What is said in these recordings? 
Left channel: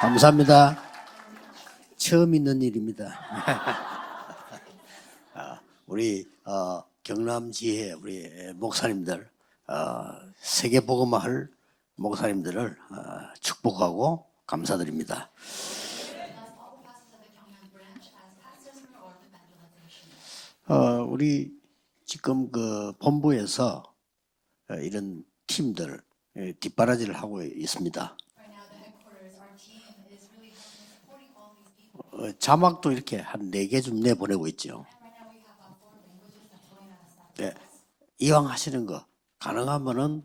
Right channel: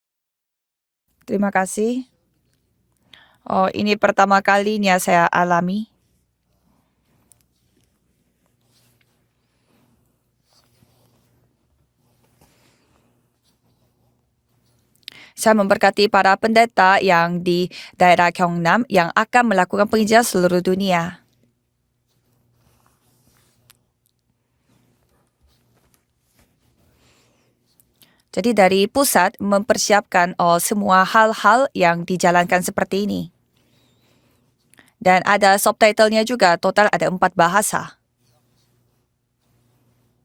감사합니다. Terima kasih. 처음 있는 일입니다. Ini pertama kalinya saya alami. 우리 경남지회 우리 목사님들 세계복음화할 목사님들을 축복하고 감사드립니다. Saya memberkati para pendeta yang di daerah Gyeongnam yang akan melakukan penginjilan seluruh dunia. 우리 지금 그 본부에서 이런 팀들 뒷바라지를 하고 있습니다. Jadi dari pusat mempersiapkan semua hal-hal yang dijalankan 자막도 seperti 이렇게 ini. 한 4개 좀 내보내고 있죠. Dan ada subtitlenya juga, total ada 4 bahasa. 이왕 하시는 거 가능하면은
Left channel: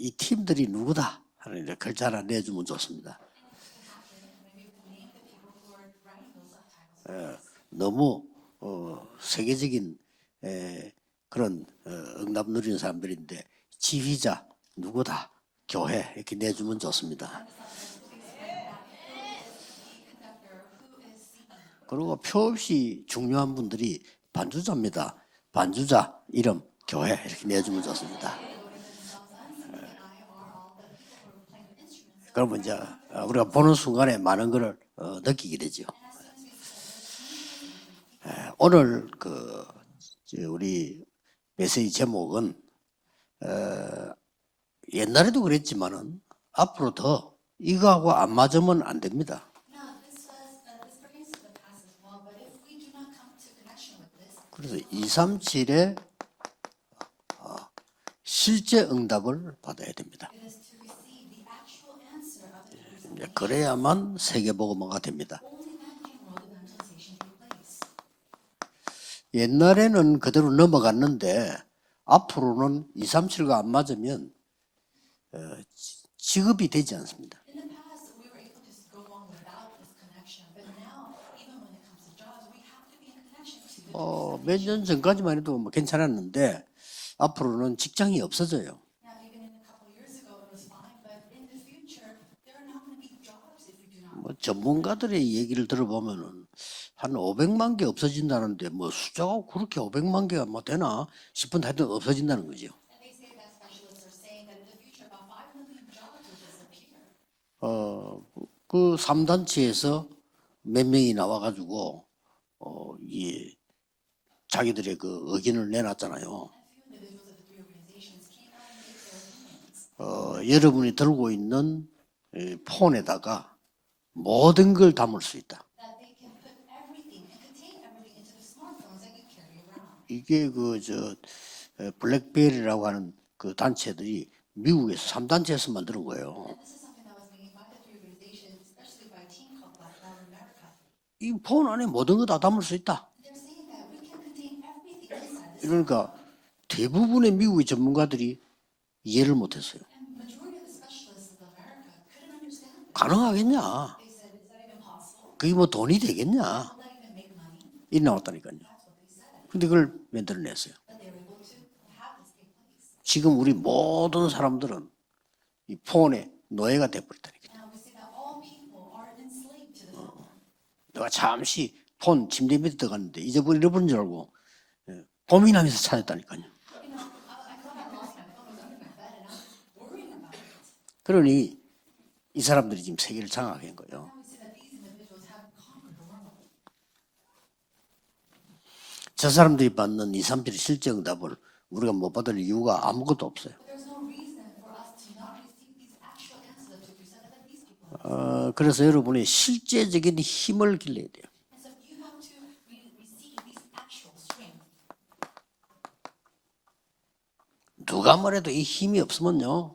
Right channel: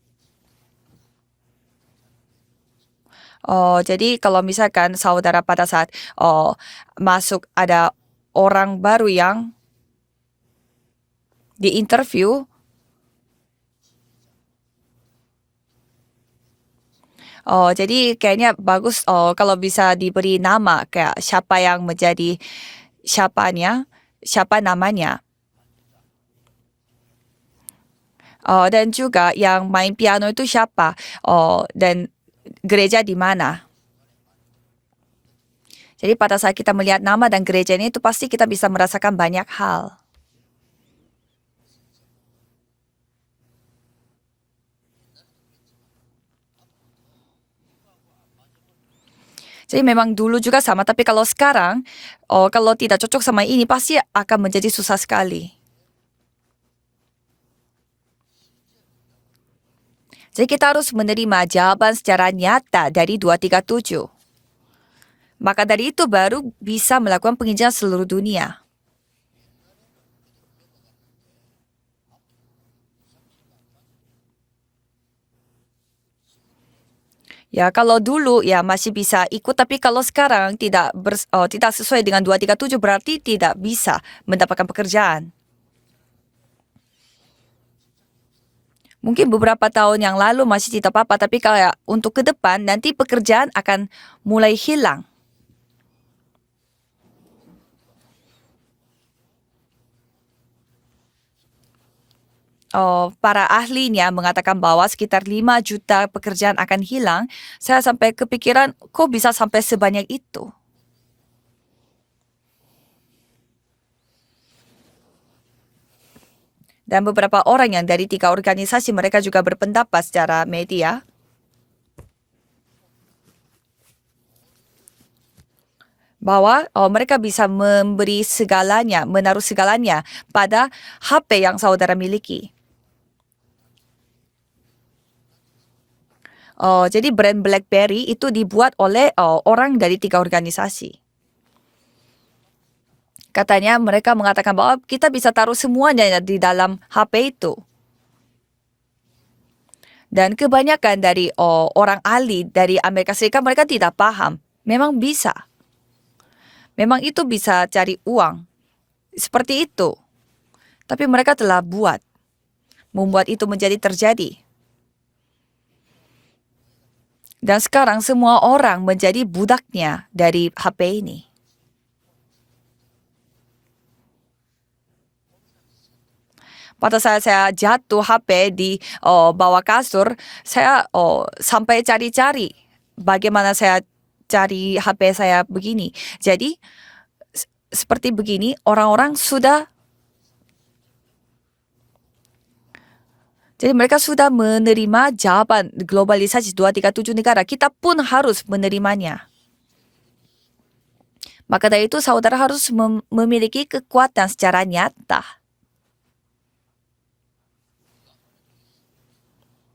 이 팀들이 누구다 하는 이제 글자 하나 내주면 좋습니다. Jadi kalau misalkan saudara pada saat masuk ada 너무 orang baru yang 세계적인 그런 di interview, 응답 누리는 사람들인데 지휘자 누구다 교회 이렇게 내주면 좋습니다. jadi kayaknya bagus kalau bisa diberi nama kayak siapa yang menjadi 서울시 siapanya, 중요한 분들이 siapa 반주자입니다. namanya. 반주자 이름 교회 이렇게 내주면 좋습니다. Dan juga yang main piano itu siapa, dan 그러면 이제 gereja di mana. 보는 순간에 많은 거를 느끼게 되죠. Jadi pada saat kita melihat nama dan gerejanya itu pasti kita bisa 오늘 merasakan banyak hal. 우리 메시지 제목은 옛날에도 그랬지만은 앞으로 더 이거하고 안 맞으면 안 됩니다. Jadi memang dulu juga sama, tapi kalau sekarang, kalau tidak cocok sama ini pasti akan menjadi susah sekali. 237의 실제 응답을 받아야 됩니다. Jadi kita harus menerima jawaban secara nyata dari 237. 그래야만 세계복음화가 됩니다. Maka dari itu baru bisa melakukan penginjilan seluruh dunia. 옛날에는 그대로 넘어갔는데 앞으로는 237가 안 맞으면 지급이 되지 않습니다. Ya kalau dulu ya masih bisa ikut, tapi kalau sekarang tidak sesuai dengan 237 berarti tidak bisa mendapatkan 몇 년 pekerjaan. 전까지만 해도 뭐 괜찮았는데 앞으로는 직장이 없어져요. Mungkin beberapa tahun yang lalu masih tidak apa-apa, tapi kayak untuk ke depan nanti pekerjaan akan mulai hilang. 전문가들의 얘기를 들어보면은 한 500만 개 없어진다는데 뭐 숫자가 그렇게 500만 개가 뭐 되나 싶은데 하여튼 없어진다는 거죠. Para ahlinya mengatakan bahwa sekitar 5 juta pekerjaan akan hilang. Saya sampai kepikiran 그 kok bisa sampai 삼단체에서 sebanyak itu. 몇 명이 나와가지고 이 자기들의 그 의견을 내놨잖아요. Dan beberapa orang yang dari 3 organisasi mereka juga berpendapat secara 여러분이 media 들고 있는 폰에다가 모든 걸 담을 수 있다. bahwa mereka bisa memberi segalanya, menaruh segalanya pada HP yang saudara miliki. 블랙베리라고 하는 그 단체들이 미국에서 3단체에서 만드는 거예요. Jadi brand BlackBerry itu dibuat oleh orang dari 3 organisasi. 이 폰 안에 모든 거 다 담을 수 있다. Katanya mereka mengatakan bahwa kita bisa taruh semuanya di dalam HP 대부분의 itu. 미국의 전문가들이 이해를 못했어요. Dan kebanyakan dari orang ahli dari Amerika Serikat mereka 가능하겠냐? tidak paham. Memang bisa. 그게 뭐 돈이 되겠냐? Memang itu bisa cari uang. 나왔다니까요. Seperti 이걸 itu. 만들어냈어요. Tapi mereka telah membuat 지금 itu 우리 menjadi 모든 terjadi. 사람들은 이 폰의 노예가 돼버렸다. Dan sekarang semua orang menjadi budaknya dari HP 내가 ini. 잠시 폰 침대 밑에 들어갔는데 잃어버린 줄 알고 고민하면서 찾았다니까요. Pada saat saya jatuh HP di bawah kasur, saya sampai 이 cari-cari 사람들이 지금 bagaimana saya 세계를 cari HP saya begini. Jadi seperti begini orang-orang 저 sudah, 사람들이 받는 237 실제 응답을 우리가 못 받을 이유가 아무것도 없어요. jadi mereka sudah menerima jawaban globalisasi 237 negara. Kita pun harus 그래서 menerimanya. 여러분의 실제적인 힘을 길러야 돼요. Maka dari itu saudara harus memiliki kekuatan secara nyata. 누가 뭐래도 이 힘이 없으면요,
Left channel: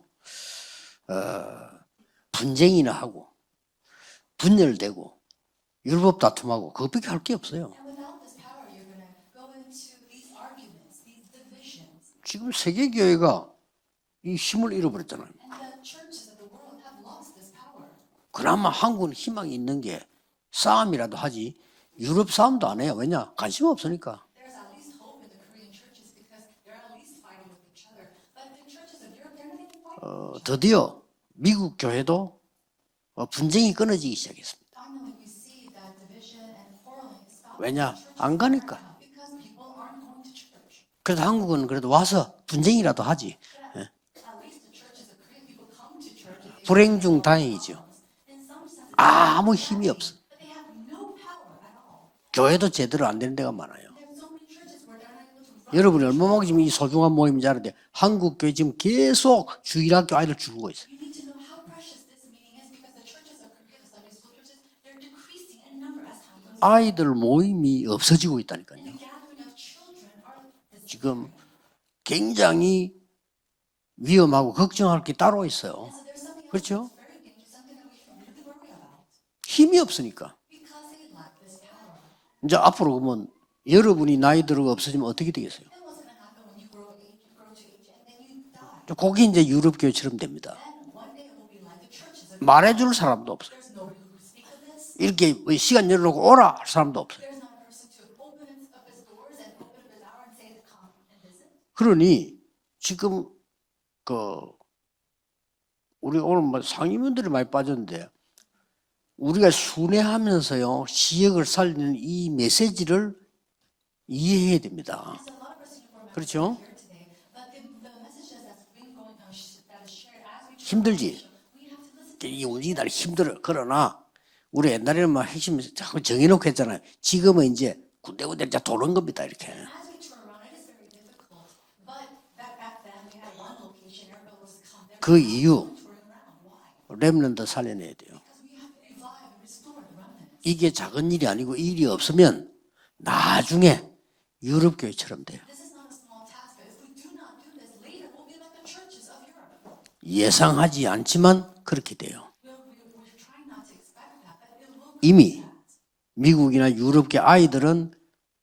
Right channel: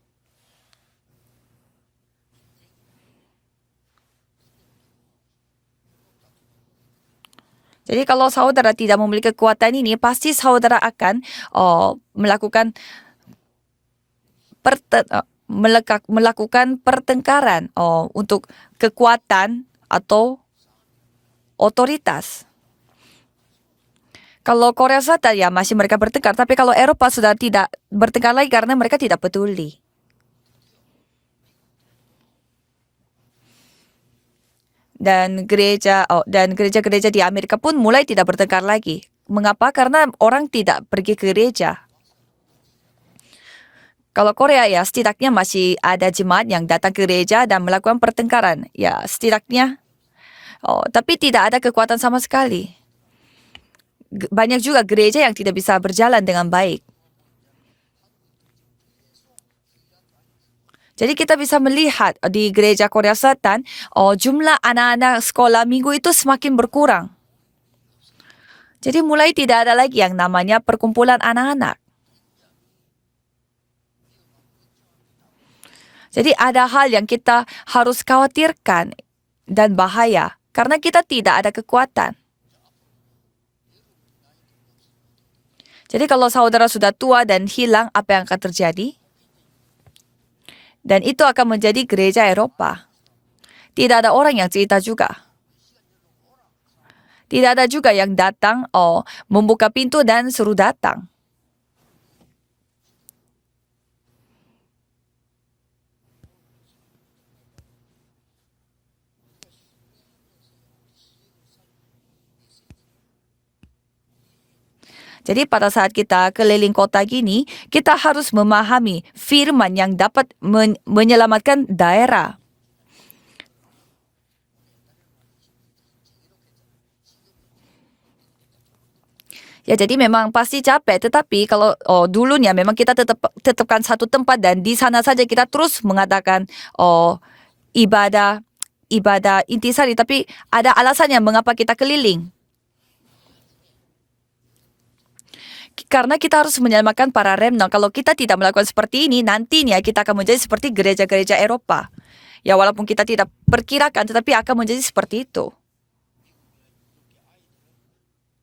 분쟁이나 하고 분열되고 율법 다툼하고 그것밖에 할 게 없어요. Jadi kalau saudara tidak memiliki kekuatan ini, pasti saudara akan melakukan 세계 교회가 이 힘을 잃어버렸다. melakukan pertengkaran untuk 그나마 한국 kekuatan 힘이 있는 게 atau 싸움이라도 하지. 유럽 otoritas. 싸움도 안 해요. 왜냐? 관심 없으니까. Kalau Korea Selatan ya masih mereka bertengkar, tapi kalau Eropa sudah tidak bertengkar lagi karena mereka tidak peduli. 드디어 미국 교회도 분쟁이 끊어지기 시작했습니다. Dan gereja-gereja di Amerika pun mulai tidak bertengkar lagi. Mengapa? Karena orang tidak pergi 그래서 ke 한국은 gereja. 그래도 와서 분쟁이라도 하지. Kalau Korea ya setidaknya masih ada jemaat yang datang ke gereja dan melakukan pertengkaran. Ya, 아무 setidaknya. 힘이 없어. Tapi tidak ada kekuatan sama sekali. 교회도 제대로 안 되는 데가 많아요. Banyak juga gereja yang tidak bisa 여러분 berjalan 얼마나 dengan 우리 baik. 소중한 모임인지 아는데 한국 교회 지금 계속 주일학교 아이들 죽고 있어요. Jadi kita bisa melihat di gereja Korea Selatan, jumlah anak-anak sekolah minggu itu semakin 아이들 berkurang. 모임이 없어지고 있다니까요. Jadi mulai tidak ada lagi yang namanya perkumpulan anak-anak. 굉장히 위험하고 걱정할 게 따로 있어요. Jadi ada hal yang kita harus khawatirkan dan 힘이 bahaya karena kita tidak ada kekuatan. 이제 앞으로 그러면 여러분이 나이 들고 없어지면 어떻게 되겠어요? Jadi kalau saudara sudah tua dan hilang, apa yang akan terjadi? 그게 이제 유럽 교회처럼 됩니다. Dan itu akan menjadi gereja Eropa. 말해줄 사람도 없어요. Tidak ada orang yang cerita juga. 이렇게 시간 열어놓고 오라 할 사람도 없어요. Tidak ada juga yang datang, membuka pintu dan suruh datang. 그러니 지금 우리 오늘 뭐 상임원들이 많이 빠졌는데 우리가 순회하면서요 지역을 살리는 이 메시지를 이해해야 됩니다. Jadi pada saat kita keliling kota gini, kita harus memahami firman yang dapat menyelamatkan daerah. 이 움직이기 날 힘들어. 그러나 우리 옛날에는 막 핵심 자꾸 정해놓고 했잖아요. 지금은 이제 군데군데 이제 도는 겁니다. 이렇게. Ya jadi memang pasti capek, tetapi kalau dulunya memang kita tetapkan satu tempat dan di sana saja kita terus mengatakan 렘넌트 살리는. ibadah intisari, tapi ada alasannya mengapa kita keliling. 나중에 유럽 교회처럼 돼. Karena kita harus menyelamatkan para remnant. Kalau kita tidak melakukan seperti ini, nantinya kita akan menjadi seperti gereja-gereja Eropa. Ya walaupun kita tidak perkirakan, tetapi akan menjadi seperti itu. 미국이나 유럽계 아이들은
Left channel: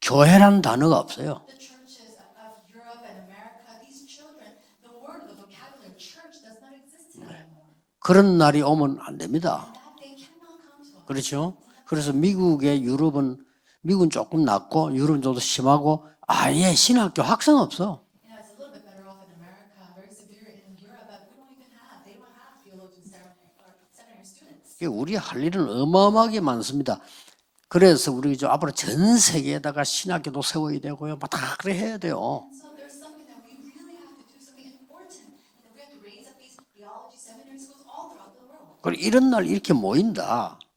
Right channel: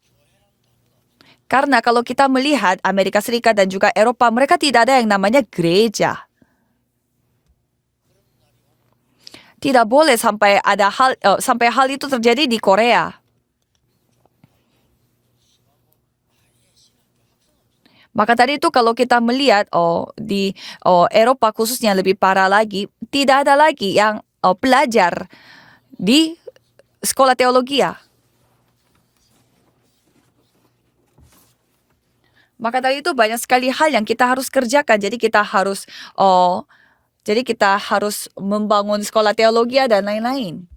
교회란 단어가 없어요. Karena kalau kita melihat Amerika Serikat dan juga Eropa, mereka tidak ada yang namanya gereja. 그런 날이 오면 안 됩니다. Tidak boleh sampai ada hal sampai hal itu terjadi di Korea. 미국은 조금 낫고 유럽은 좀 더 심하고 아예 신학교 학생 없어. Maka tadi itu kalau kita melihat di Eropa khususnya lebih parah lagi, tidak ada lagi yang pelajar 할 일은 어마어마하게 많습니다. sekolah teologi. 그래서 우리 앞으로 전 세계에다가 신학교도 세워야 되고요. 다 그래 해야 돼요. Maka tadi itu banyak sekali hal yang kita harus kerjakan. Jadi kita harus membangun sekolah teologi dan lain-lain.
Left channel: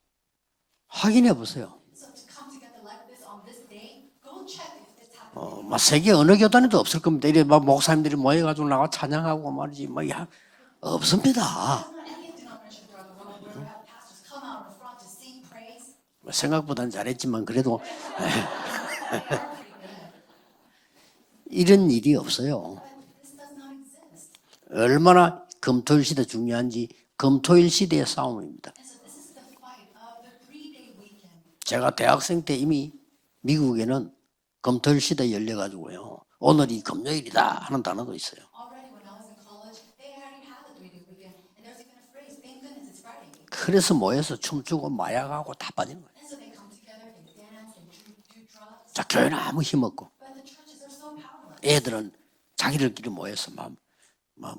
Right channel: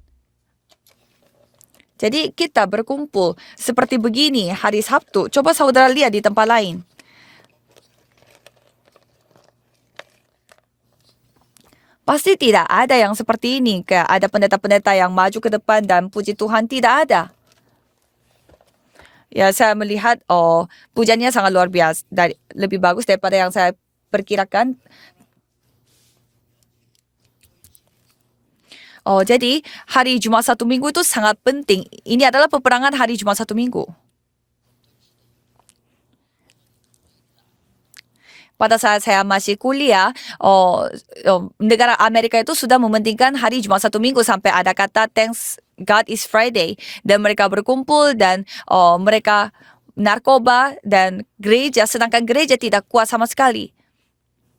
확인해 보세요. Jadi kita berkumpul seperti begini hari Sabtu. Coba saudara lihat di tempat lain. 없을 겁니다. 이래 막 목사님들이 모여가지고 나와 찬양하고 말이지 없습니다. Pasti tidak ada yang seperti ini. Kayak ada pendeta-pendeta yang maju ke depan dan puji Tuhan tidak ada. 그래도 Ya saya melihat pujiannya sangat luar biasa. Lebih bagus daripada yang saya perkirakan. 얼마나 금토일 시대 중요한지 금토일 시대의 싸움입니다. Jadi hari Jumat satu minggu itu sangat penting. Ini adalah peperangan hari Jumat satu minggu. 미국에는 금토일 시대 열려가지고요. 오늘이 금요일이다 하는 단어도 있어요. Pada saat saya masih kuliah, negara Amerika itu sudah mementingkan hari Jumat satu minggu sampai ada kata thanks God is Friday. Dan mereka berkumpul dan mereka narkoba dan gereja, sedangkan gereja tidak kuat sama sekali.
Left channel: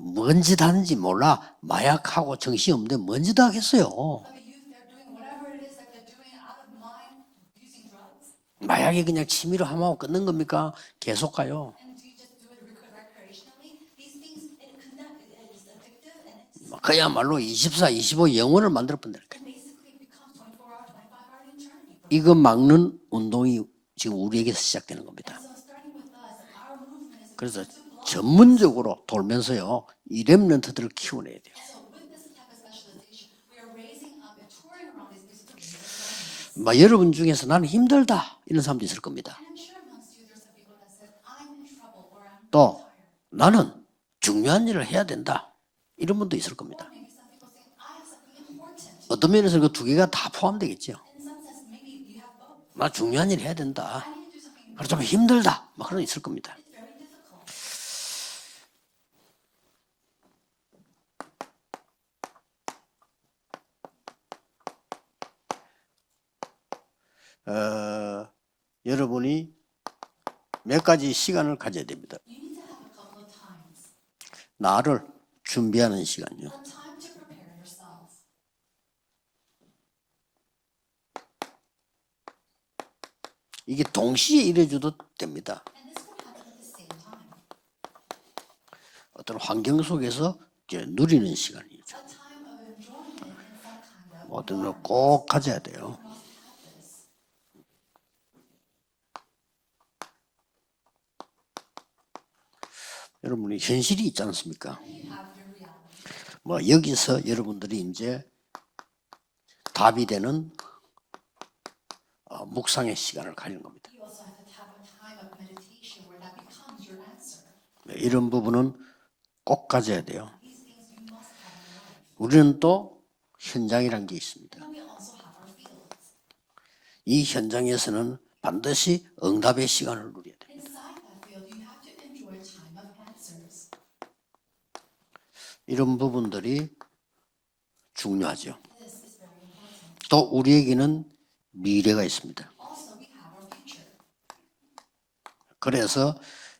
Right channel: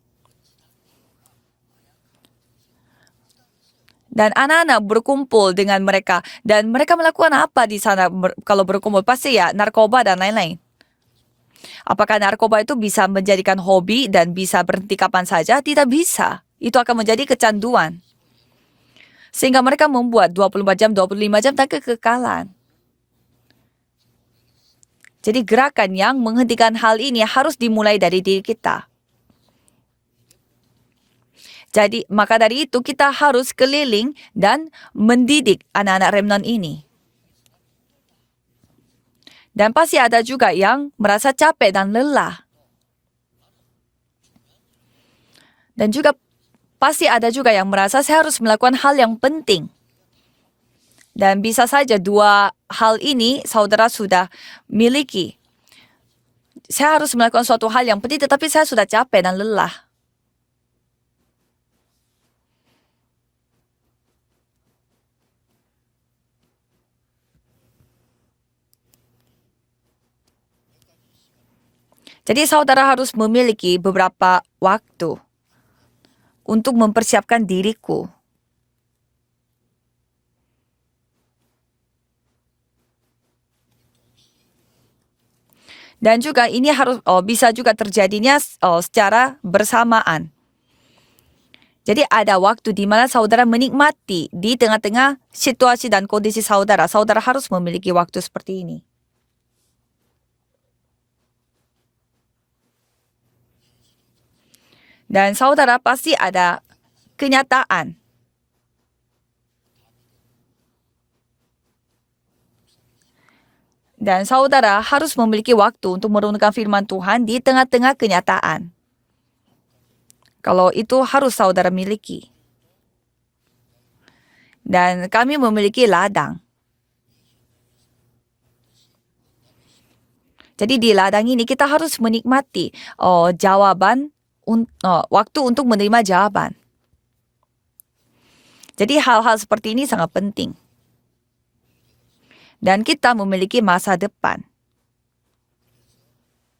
뭔 짓 하는지 몰라. 마약하고 정신없는데 뭔 짓 하겠어요. Dan anak-anak berkumpul dengan mereka. Dan mereka melakukan apa di sana kalau berkumpul? Pasti ya narkoba dan lain-lain. 계속 가요. Apakah narkoba itu bisa menjadikan hobi dan bisa berhenti kapan saja? Tidak bisa. Itu akan menjadi kecanduan. 24, 25 영혼을 만들어버린다. Sehingga mereka membuat 24 jam, 25 jam dan 이거 kekekalan. 막는 운동이 지금 우리에게서 시작되는 겁니다. Jadi gerakan yang menghentikan hal ini harus dimulai dari diri kita. 전문적으로 돌면서요. 이 렘넌트들을 키워내야 돼요. Jadi maka dari itu kita harus keliling dan mendidik anak-anak remnant ini. 여러분 중에서 나는 힘들다 이런 사람도 있을 겁니다. Dan pasti ada juga yang merasa capek dan lelah. 또 나는 중요한 일을 해야 된다. Dan juga 이런 분도 있을 겁니다. pasti ada juga yang merasa saya harus melakukan hal yang 어떤 면에서 penting. 그 두 개가 다 포함되겠죠. Dan bisa saja dua hal ini saudara sudah miliki. 힘들다. 막 그런 거 있을 겁니다. Saya harus melakukan suatu hal yang penting tetapi saya sudah capek dan lelah. 여러분이 몇 가지 시간을 가져야 됩니다. Jadi saudara harus memiliki beberapa 나를 waktu 준비하는 시간요. untuk mempersiapkan diriku. 이게 동시에 이래줘도 됩니다. Dan juga ini harus bisa juga terjadinya secara 환경 bersamaan. 속에서 이제 누리는 시간이. Jadi ada waktu di mana saudara menikmati di tengah-tengah 꼭 가져야 situasi 돼요. dan kondisi saudara. Saudara harus memiliki waktu seperti ini. 여러분이 현실이 있지 않습니까? Dan saudara pasti ada 여기서 kenyataan. 여러분들이 이제 답이 되는 묵상의 시간을 가지는 겁니다. Dan saudara harus memiliki waktu untuk merenungkan firman Tuhan di tengah-tengah 이런 kenyataan. 부분은 꼭 가져야 돼요. Kalau itu harus saudara miliki. 우리는 또 현장이란 게 있습니다. Dan kami memiliki ladang. 이 현장에서는 반드시 응답의 시간을 누려야 돼요. Jadi di ladang ini kita harus menikmati jawaban, waktu untuk menerima 이런 jawaban. 부분들이 중요하죠. Jadi hal-hal seperti ini sangat 또 penting. 우리에게는 미래가 있습니다. Dan kita memiliki masa depan. 그래서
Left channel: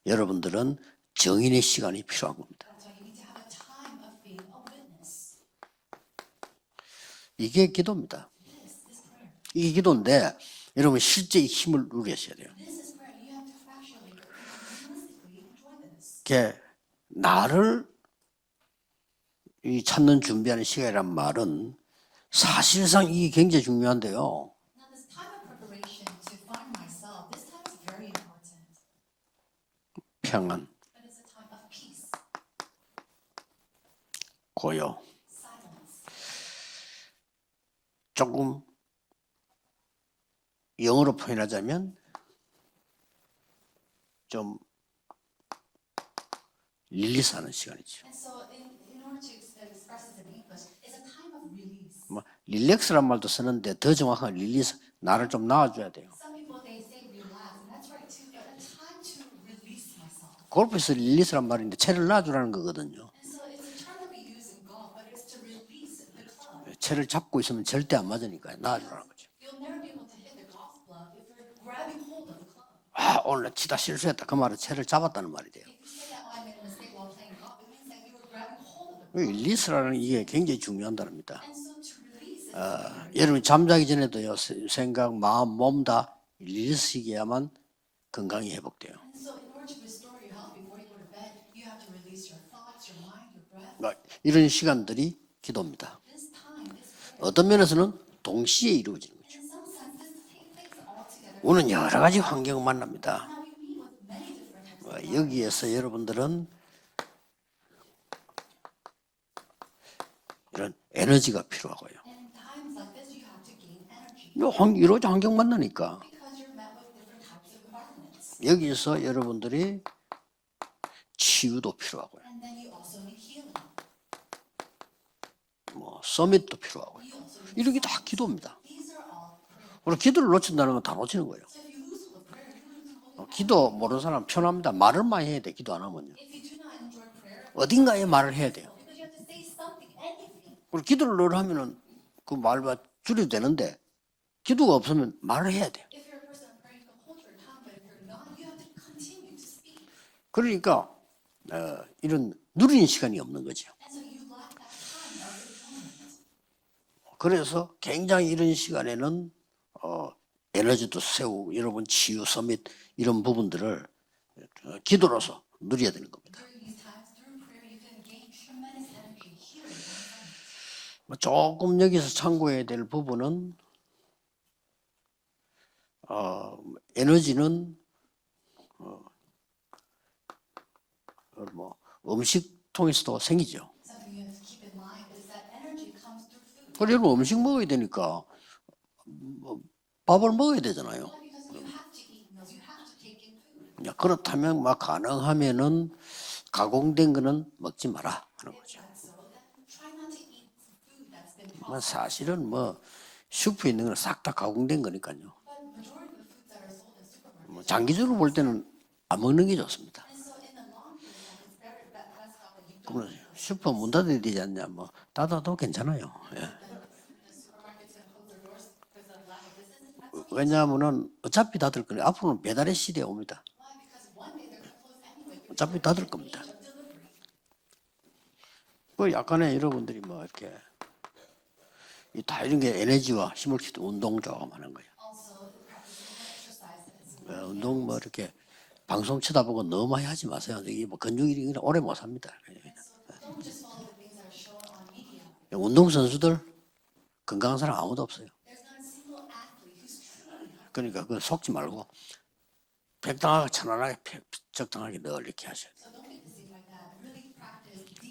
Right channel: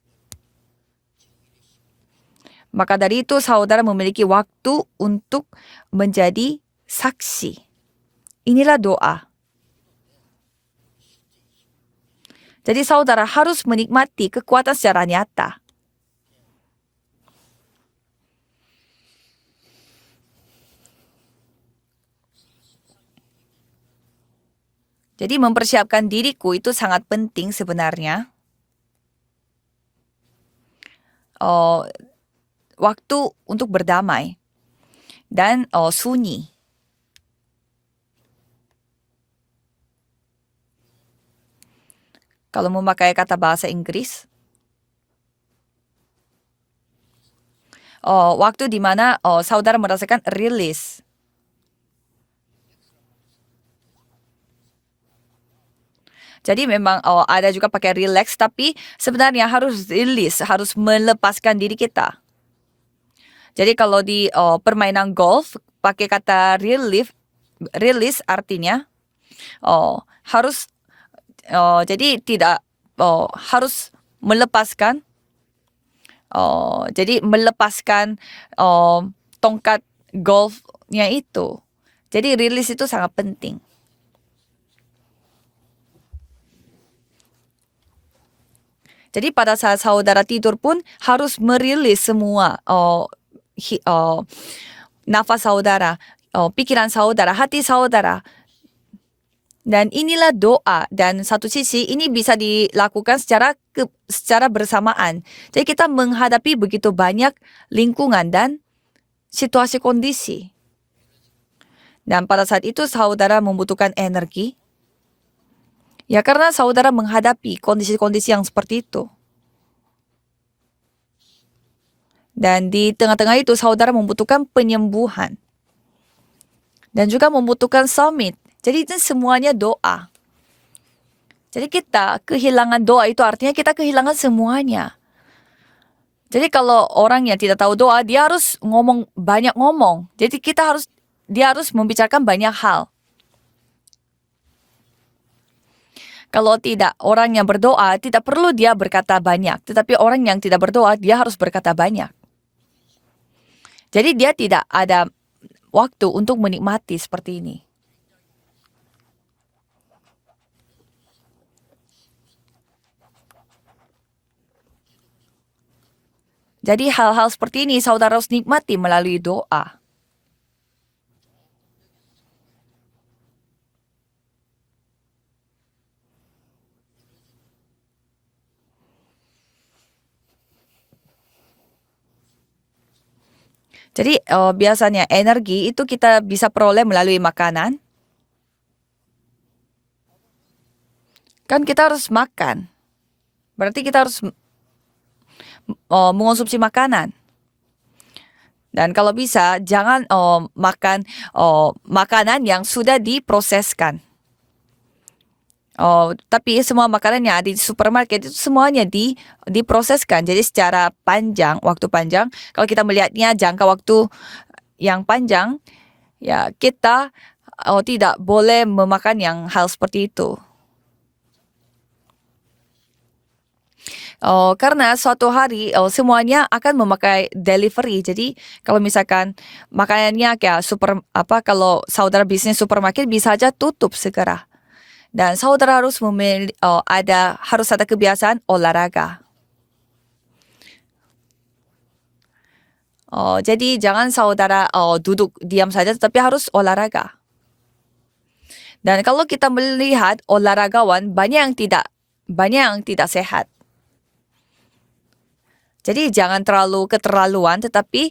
여러분들은 정인의 시간이 필요한 겁니다. Maka dari itu saudara memiliki waktu untuk menjadi saksi. 이게 기도입니다. Inilah doa. 이게 기도인데 여러분 실제 이 힘을 누리셔야 돼요. Jadi saudara harus menikmati kekuatan secara nyata. 이게 나를 이 찾는 준비하는 시간이란 말은 사실상 이게 굉장히 중요한데요. Jadi mempersiapkan diriku itu sangat penting sebenarnya. 평안, Waktu untuk berdamai 고요. dan sunyi. 조금 영어로 표현하자면 Kalau memakai kata bahasa Inggris, 좀 릴리스하는 시간이죠. waktu di mana saudara merasakan rilis. 뭐 릴렉스란 말도 쓰는데 더 정확한 릴리스, 나를 좀 놔줘야 돼요. Jadi memang ada juga pakai relax, tapi sebenarnya harus rilis, harus 골프에서 melepaskan 릴리스란 diri 말이 채를 kita. 놔주라는 거거든요. Jadi kalau di permainan golf pakai kata 채를 relief, 잡고 있으면 절대 안 release 맞으니까 artinya 놔주라는 거죠. harus jadi tidak 오늘 harus 치다 실수했다. 그 말은 채를 melepaskan 잡았다는 말이 돼요. jadi melepaskan tongkat 릴리스라는 이게 golfnya 굉장히 중요한 겁니다. itu. Jadi rilis itu sangat 여러분 penting. 잠자기 전에도요 생각, 마음, 몸 다 릴리스해야만 건강이 회복돼요. Jadi pada saat saudara tidur pun harus merilis semua 이런 시간들이 nafas saudara, pikiran saudara, 어떤 hati 면에서는 saudara. 동시에 이루어지는 거죠. Dan inilah doa, dan satu Ulang sisi ya, ini lagi bisa panggil dilakukan secara bersamaan. 여기에서 Jadi kita 여러분들은 menghadapi begitu banyak lingkungan dan situasi kondisi. 이런 에너지가 필요하고요. Dan pada saat itu saudara membutuhkan energi. 이루어져 환경 만나니까 Ya karena saudara menghadapi kondisi-kondisi yang seperti 여기서 itu. 여러분들이 치유도 필요하고요. Dan di tengah-tengah itu saudara membutuhkan penyembuhan. 뭐 서밋도 필요하고. Dan juga membutuhkan Ini 다 summit. 기도입니다. Jadi itu semuanya doa. 기도를 놓친다는 건 다 놓치는 거예요. Jadi kita kehilangan doa itu artinya kita kehilangan 모르는 사람 편합니다. semuanya. 말을 많이 해야 돼. 기도 안 하면요. Jadi kalau orang yang tidak tahu doa, 어딘가에 dia 말을 harus 해야 돼. ngomong banyak ngomong. Jadi kita harus 기도를 dia harus membicarakan banyak hal. 줄여도 되는데 기도가 없으면 말을 해야 돼요. Kalau tidak, orang yang berdoa tidak perlu dia berkata banyak. Tetapi orang yang tidak berdoa, dia harus berkata banyak. 이런 누리는 시간이 없는 거지. Jadi dia tidak ada waktu untuk menikmati seperti ini. 그래서 굉장히 이런 시간에는 에너지도 세우고 여러분 치유 서밋 이런 부분들을 기도로서 누려야 되는 겁니다. Jadi hal-hal seperti ini saudara harus nikmati melalui doa. 조금 여기서 참고해야 될 부분은 에너지는 뭐 음식 통해서도 생기죠. Jadi biasanya energi itu kita bisa peroleh melalui 음식 먹어야 makanan. 되니까 밥을 먹어야 되잖아요. Kan kita harus makan. Berarti kita harus 그렇다면 막 가능하면은 mengonsumsi 가공된 makanan. 거는 먹지 마라. 하는 거죠. Dan kalau bisa jangan makan makanan yang sudah diproseskan. 싹다 가공된 거니까요. Tapi semua makanan yang ada di supermarket 볼 itu 때는 semuanya 안 먹는 게 diproseskan. Jadi secara panjang, waktu panjang, kalau kita melihatnya jangka 못 waktu 얻어야 되지 않냐, 뭐. yang panjang, 나도 괜찮아요. ya kita tidak boleh memakan yang hal seperti itu. 왜냐하면은 어차피 다들 그래. 앞으로는 배달의 시대에 옵니다. Karena suatu hari semuanya akan memakai delivery. Jadi kalau misalkan 약간의 이런 makanannya kayak kalau saudara bisnis 다른 supermarket 에너지와 bisa aja 힘을 tutup 너무 segera. 공감하는 거예요. Dan saudara harus harus ada kebiasaan olahraga. 방송 쳐다보고 너무 많이 하지 마세요. 이게 뭐 근육이 오래 못 삽니다. Jadi jangan saudara duduk diam saja, Untung tetapi sesuatu. harus olahraga. 건강한 사람 아무도 없어요. Dan kalau kita melihat olahragawan banyak yang tidak sehat. 편안하게 적당하게 늘 이렇게 하셔요. Jadi jangan terlalu keterlaluan, tetapi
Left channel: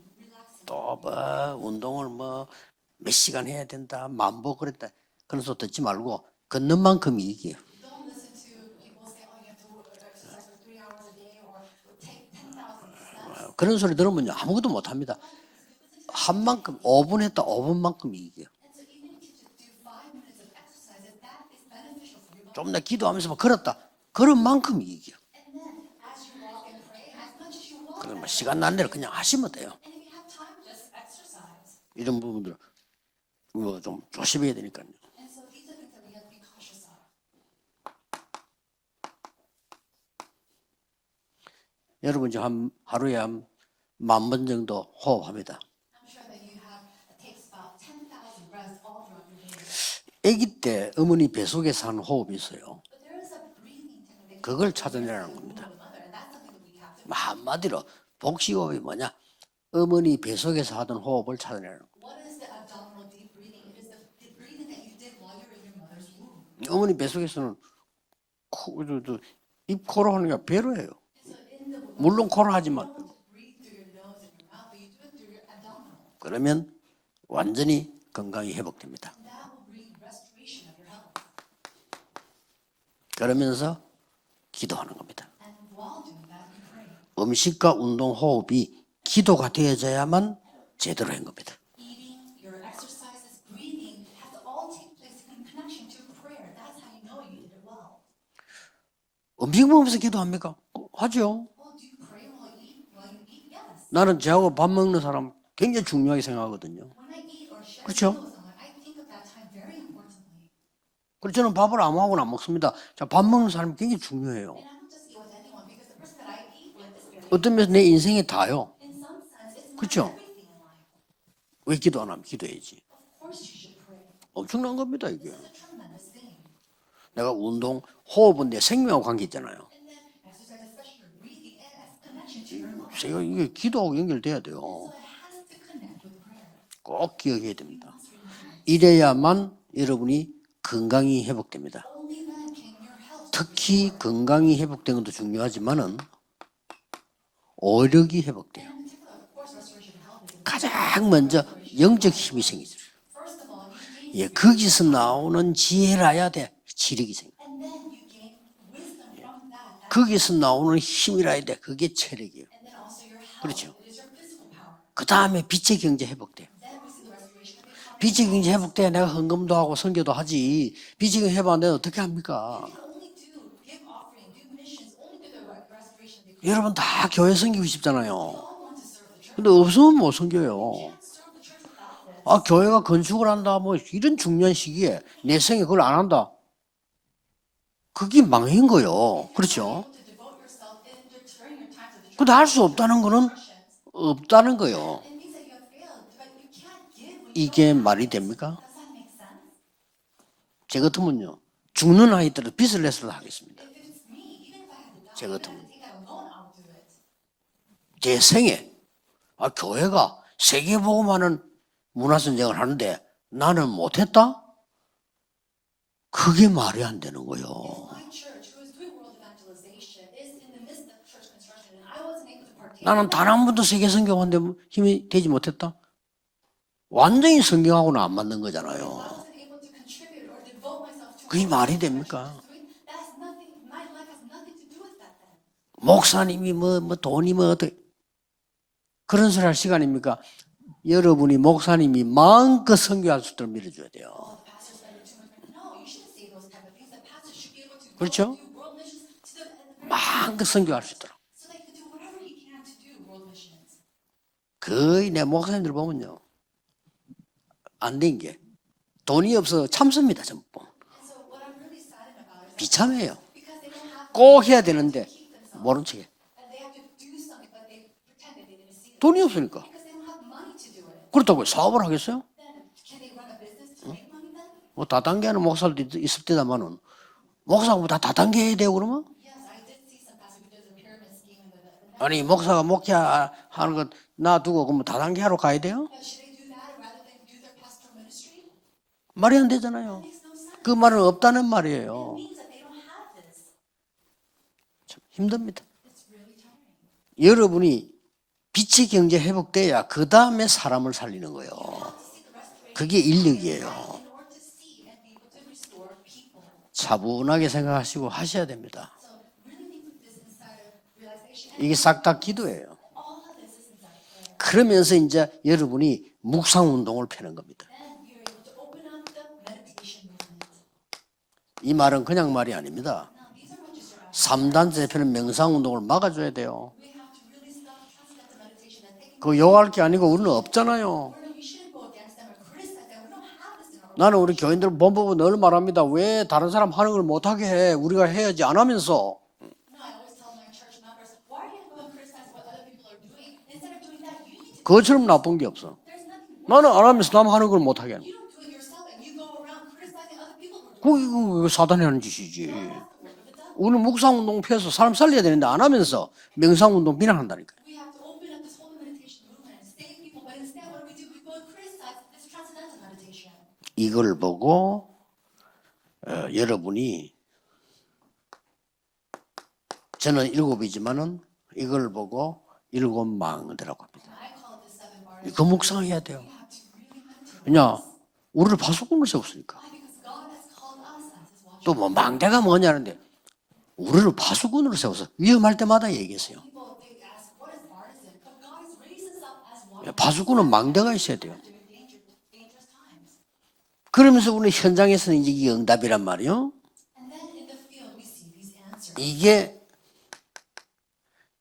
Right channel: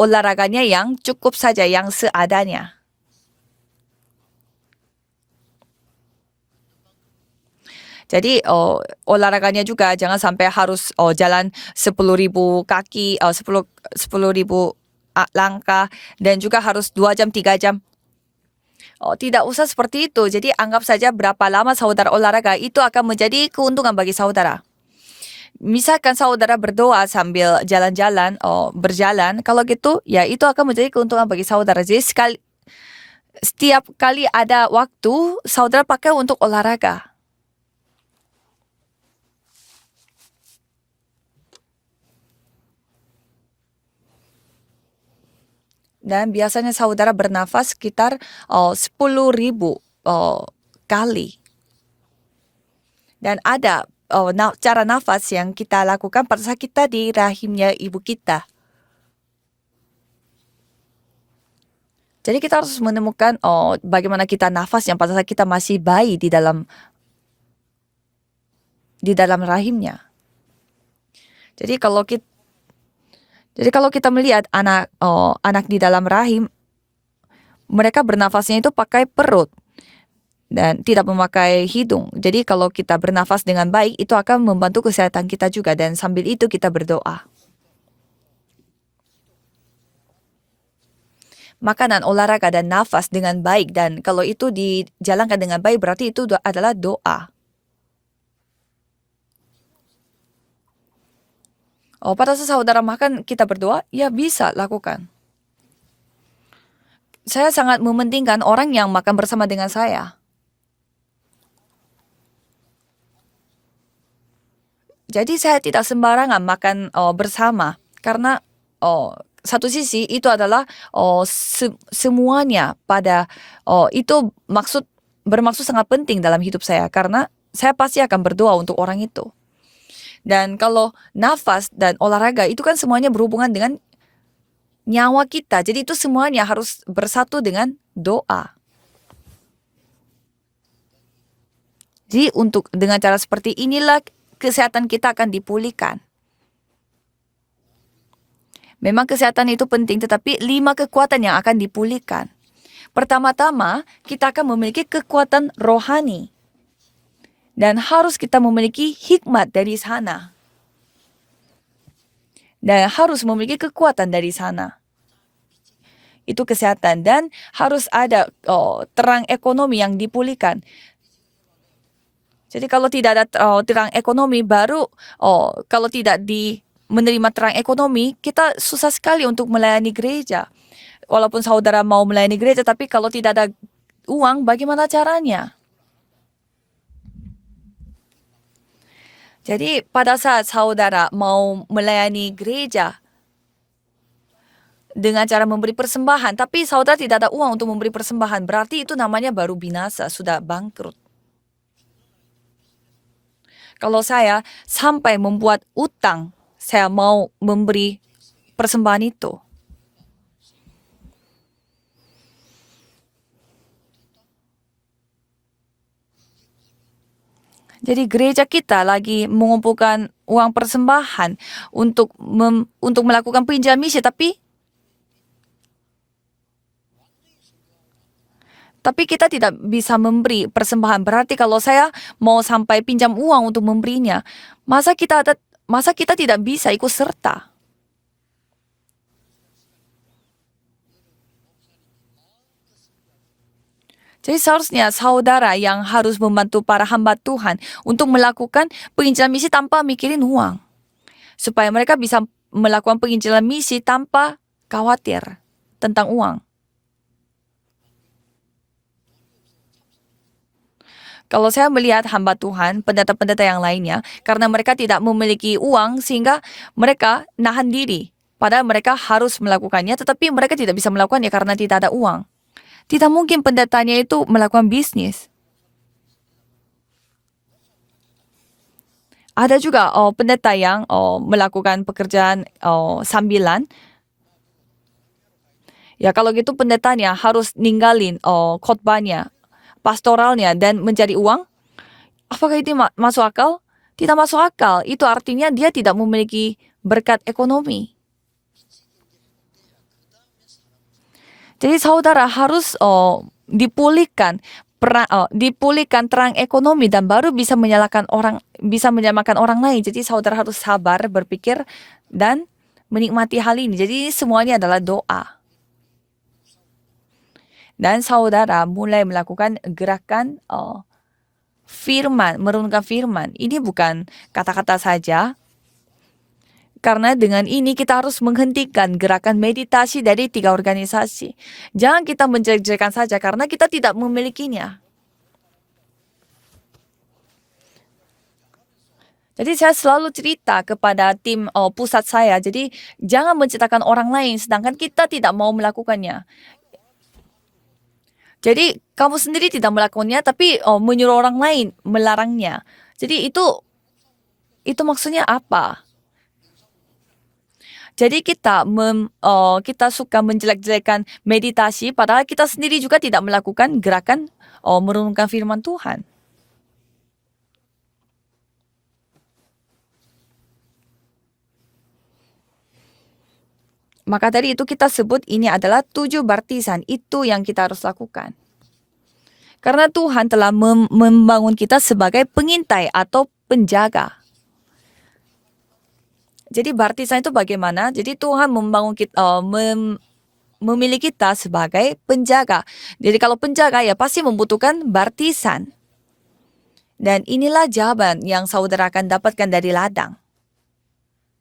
olahraganya yang cukup saja, yang seadanya. 몇 시간 해야 된다. 만보 그랬다. 그런 소리 듣지 말고 걷는 만큼 이익이에요. Jadi olahraganya juga jangan sampai harus jalan 10.000 kaki, 그런 소리 들으면 10.000 아무도 못합니다. langkah, dan juga harus 2 jam 3 jam. 만큼 이익이에요. Tidak usah seperti itu. Jadi anggap saja berapa lama saudara olahraga, itu akan menjadi keuntungan bagi saudara. 그런 만큼 이익이에요. Misalkan saudara berdoa sambil jalan-jalan, berjalan, kalau gitu ya itu akan menjadi keuntungan bagi saudara. Jadi setiap kali ada waktu, saudara pakai untuk olahraga. 여러분 하루에 한 10,000번 정도 호흡합니다. Dan biasanya saudara bernafas sekitar 10.000 아기 때 어머니 kali. 뱃속에서 하는 호흡이 있어요. Dan ada cara nafas yang kita lakukan pada saat kita di rahimnya ibu kita. 복식호흡이 뭐냐? 어머니 뱃속에서 하던 호흡을 찾아내는 거예요. Jadi kita harus menemukan bagaimana kita nafas yang pada saat kita masih bayi di dalam 어머니 뱃속에서는 rahimnya. 코로 하는 게 배로 해요. Jadi kalau kita, 물론 코로 하지만 melihat anak di dalam rahim, 그러면 완전히 mereka bernafasnya itu pakai perut dan tidak memakai hidung. Jadi kalau kita bernafas dengan baik, itu akan membantu kesehatan kita juga, dan sambil itu kita berdoa. 음식과 운동 호흡이 기도가 되어져야만 제대로 한 겁니다. Makanan, olahraga, dan nafas dengan baik, dan kalau itu dijalankan dengan baik berarti itu adalah doa. 음식 먹으면서 기도합니까? 하죠. Pada saat saudara makan kita berdoa, ya 나는 bisa 저하고 밥 먹는 lakukan. 사람 굉장히 중요하게 생각하거든요. Saya sangat mementingkan orang yang makan bersama dengan saya. 그래서 저는 밥을 아무하고나 안 먹습니다. 자, 밥 먹는 사람이 굉장히 중요해요. Jadi saya tidak sembarangan makan bersama, 어쩌면 내 인생이 karena 다요. satu sisi 그렇죠? itu adalah Begitu anak semuanya pada itu 엄청난 겁니다, 이게. bermaksud sangat penting dalam hidup saya, karena 내가 운동, saya pasti akan berdoa 호흡은 내 untuk orang 생명하고 itu. 관계있잖아요. Dan kalau nafas dan olahraga itu kan semuanya berhubungan dengan 기도하고 연결돼야 돼요. nyawa kita. Jadi itu semuanya harus bersatu 기억이 dengan doa. 이래야만 여러분이 건강이 회복됩니다. Jadi dengan cara seperti 특히 inilah 건강이 kesehatan 회복되는 kita 것도 akan 중요하지만 dipulihkan. 오력이 회복돼요. Memang kesehatan itu penting, tetapi 5 kekuatan yang akan 영적 dipulihkan. 힘이 생깁니다. Pertama-tama, kita akan memiliki 거기서 kekuatan 나오는 rohani. 지혜라야 돼. 지력이 생겨. Dan harus kita memiliki hikmat dari sana. 거기서 나오는 힘이라야 돼. 그게 체력이에요. Dan harus memiliki kekuatan dari sana. 그 다음에 빛의 경제 회복. Itu kesehatan. Dan harus ada 빛의 경제 회복돼. terang ekonomi yang dipulihkan. 빛의 경제 회복하는데 어떻게 합니까? Jadi kalau tidak ada terang ekonomi baru, kalau tidak 여러분 다 menerima 교회 terang ekonomi, 섬기시잖아요. kita susah sekali untuk 근데 melayani 없으면 못 gereja. 섬겨요. Walaupun saudara mau melayani gereja, 교회가 tapi kalau 건축을 tidak ada 한다, 뭐 이런 uang, 중요한 bagaimana 시기에 caranya? 내 생에 그걸 안 한다. 그게 망한 거요. 그렇죠. Jadi pada saat saudara mau melayani 근데 할 수 gereja 없다는 거는 없다는 거요. dengan cara memberi persembahan, tapi saudara tidak ada uang untuk 이게 memberi 말이 persembahan, 됩니까? berarti itu namanya baru binasa, sudah 제 bangkrut. 같으면요. 죽는 아이들을 빚을 내서도 하겠습니다. Kalau saya sampai membuat utang, saya mau memberi 제 생에 persembahan itu. 교회가 세계보고만은 문화선정을 하는데 나는 못했다? 그게 말이 안 되는 거요. Jadi gereja kita lagi mengumpulkan uang persembahan untuk 나는 melakukan 단 한 번도 pinjam 세계 misi, tapi 성경하는데 힘이 되지 못했다? 완전히 성경하고는 안 맞는 거잖아요. kita tidak bisa memberi persembahan. Berarti 그게 kalau 말이 saya 됩니까? mau sampai pinjam uang untuk memberinya, masa kita tidak bisa ikut serta. 그런 소리 할 시간입니까? 여러분이 목사님이 마음껏 선교할 수 있도록 밀어줘야 돼요. Jadi seharusnya saudara yang harus membantu para hamba Tuhan untuk 그렇죠? melakukan penginjilan misi tanpa mikirin 마음껏 uang. 선교할 수 있도록. Supaya mereka bisa melakukan penginjilan misi tanpa 거의 khawatir 내 목사님들 tentang 보면 uang. 안 된 게 돈이 없어 참습니다 전부. Kalau saya melihat hamba Tuhan, Bicara pendeta-pendeta yang lainnya, kok karena dia mereka dengan tidak dia? memiliki Orang uang, sehingga mereka nahan diri. Padahal mereka harus betul. melakukannya, tetapi mereka tidak bisa melakukannya Betul, karena tidak ada salah uang. Tidak mungkin pendetanya itu melakukan bisnis. 다단계하는 목사들도 있을 때다마는 목사보다 다단계 해야 되고 그러면 Ada juga pendeta yang melakukan 아니 pekerjaan 목사가 목회하는 sambilan. 거 놔두고 그러면 다단계 하러 가야 돼요? Ya kalau gitu pendetanya harus ninggalin khotbahnya, 말이 안 되잖아요. pastoralnya 그 dan 말은 mencari 없다는 uang. 말이에요. Apakah itu masuk akal? Tidak masuk akal. Itu artinya dia tidak memiliki berkat ekonomi. 여러분이 빛의 경제 회복돼야 그 다음에 사람을 살리는 거예요. Jadi saudara harus 그게 인력이에요. dipulihkan terang ekonomi dan baru 차분하게 bisa menyalakan 생각하시고 orang, 하셔야 됩니다. bisa menyelamatkan orang lain. Jadi saudara harus sabar berpikir 이게 싹 다 dan 기도예요. menikmati hal ini. Jadi semuanya adalah 그러면서 이제 doa. 여러분이 묵상 운동을 펴는 겁니다. Dan saudara mulai melakukan gerakan 이 말은 firman, 그냥 말이 merenungkan 아닙니다. firman. Ini bukan kata-kata 3단체 saja. 명상 운동을 막아줘야 돼요. Karena dengan ini kita harus menghentikan gerakan 그거 요구할 게 meditasi 아니고 dari 우리는 3 없잖아요. organisasi. Jangan kita menjelek-jelekan saja karena kita tidak 나는 우리 memilikinya. 교인들 본부고 늘 말합니다. 왜 다른 사람 하는 걸 못하게 해? 우리가 해야지 안 하면서. Jadi saya selalu cerita kepada tim pusat saya. Jadi jangan menciptakan orang lain sedangkan 그것처럼 kita tidak 나쁜 게 mau 없어. melakukannya. 나는 안 하면서 남 하는 걸 못하게 하는 거야. Jadi kamu sendiri tidak melakukannya tapi menyuruh orang lain 사단이 하는 melarangnya. 짓이지. Jadi itu 우리는 묵상 운동 펴서 itu 사람 maksudnya 살려야 되는데 안 apa? 하면서 명상 운동 비난한다니까. Jadi kita suka menjelek-jelekan meditasi padahal kita sendiri juga tidak melakukan 이걸 gerakan 보고 merenungkan firman Tuhan. 여러분이 저는 7이지만은 이걸 보고 7 망대라고 합니다. Maka dari itu kita sebut ini Gemuk adalah saya 7 baptisan. Itu yang kita Ya. harus lakukan. 우리를 파수꾼을 세웠으니까. Karena Tuhan telah membangun kita 또 뭐 sebagai 망대가 pengintai 뭐냐면 atau penjaga. 우리를 파수꾼으로 세워서 위험할 때마다 얘기했어요. Jadi baptisan itu bagaimana? Jadi Tuhan membangun kita, 파수꾼은 망대가 memilih 있어야 kita 돼. sebagai penjaga. Jadi kalau penjaga ya pasti 그러면서 우리 membutuhkan 현장에서는 이 baptisan. 응답이란 말이요. Dan inilah jawaban yang saudara akan 이게 dapatkan dari ladang,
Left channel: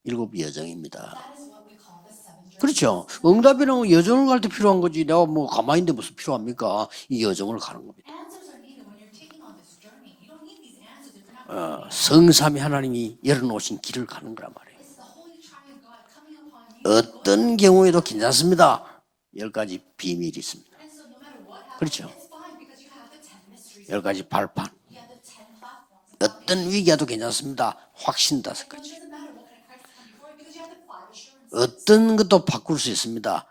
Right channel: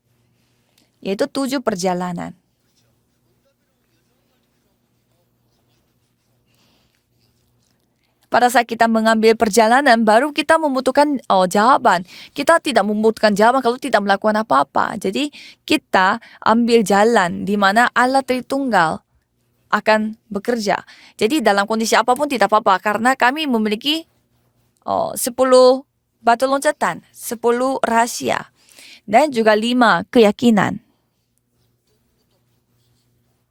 7 여정입니다. yaitu 7 perjalanan. 그렇죠. 응답이라는 여정을 갈 때 필요한 거지. 내가 뭐 가만히 있는데 무슨 필요합니까? 이 여정을 가는 겁니다. Pada saat kita mengambil perjalanan, baru kita membutuhkan jawaban. 성삼위 Kita tidak 하나님이 membutuhkan jawaban kalau 여러분 tidak 없이 melakukan 길을 apa-apa. Jadi kita ambil jalan 어떤 di mana 경우에도 Allah 괜찮습니다. Tritunggal 10가지 akan 비밀이 있습니다. bekerja. Jadi dalam kondisi apapun tidak apa-apa karena kami memiliki 10가지 발판. 10 batu 어떤 loncatan, 위기에도 10 괜찮습니다. rahasia, 확신 5가지. dan juga 5 keyakinan. 어떤 것도 바꿀 수 있습니다.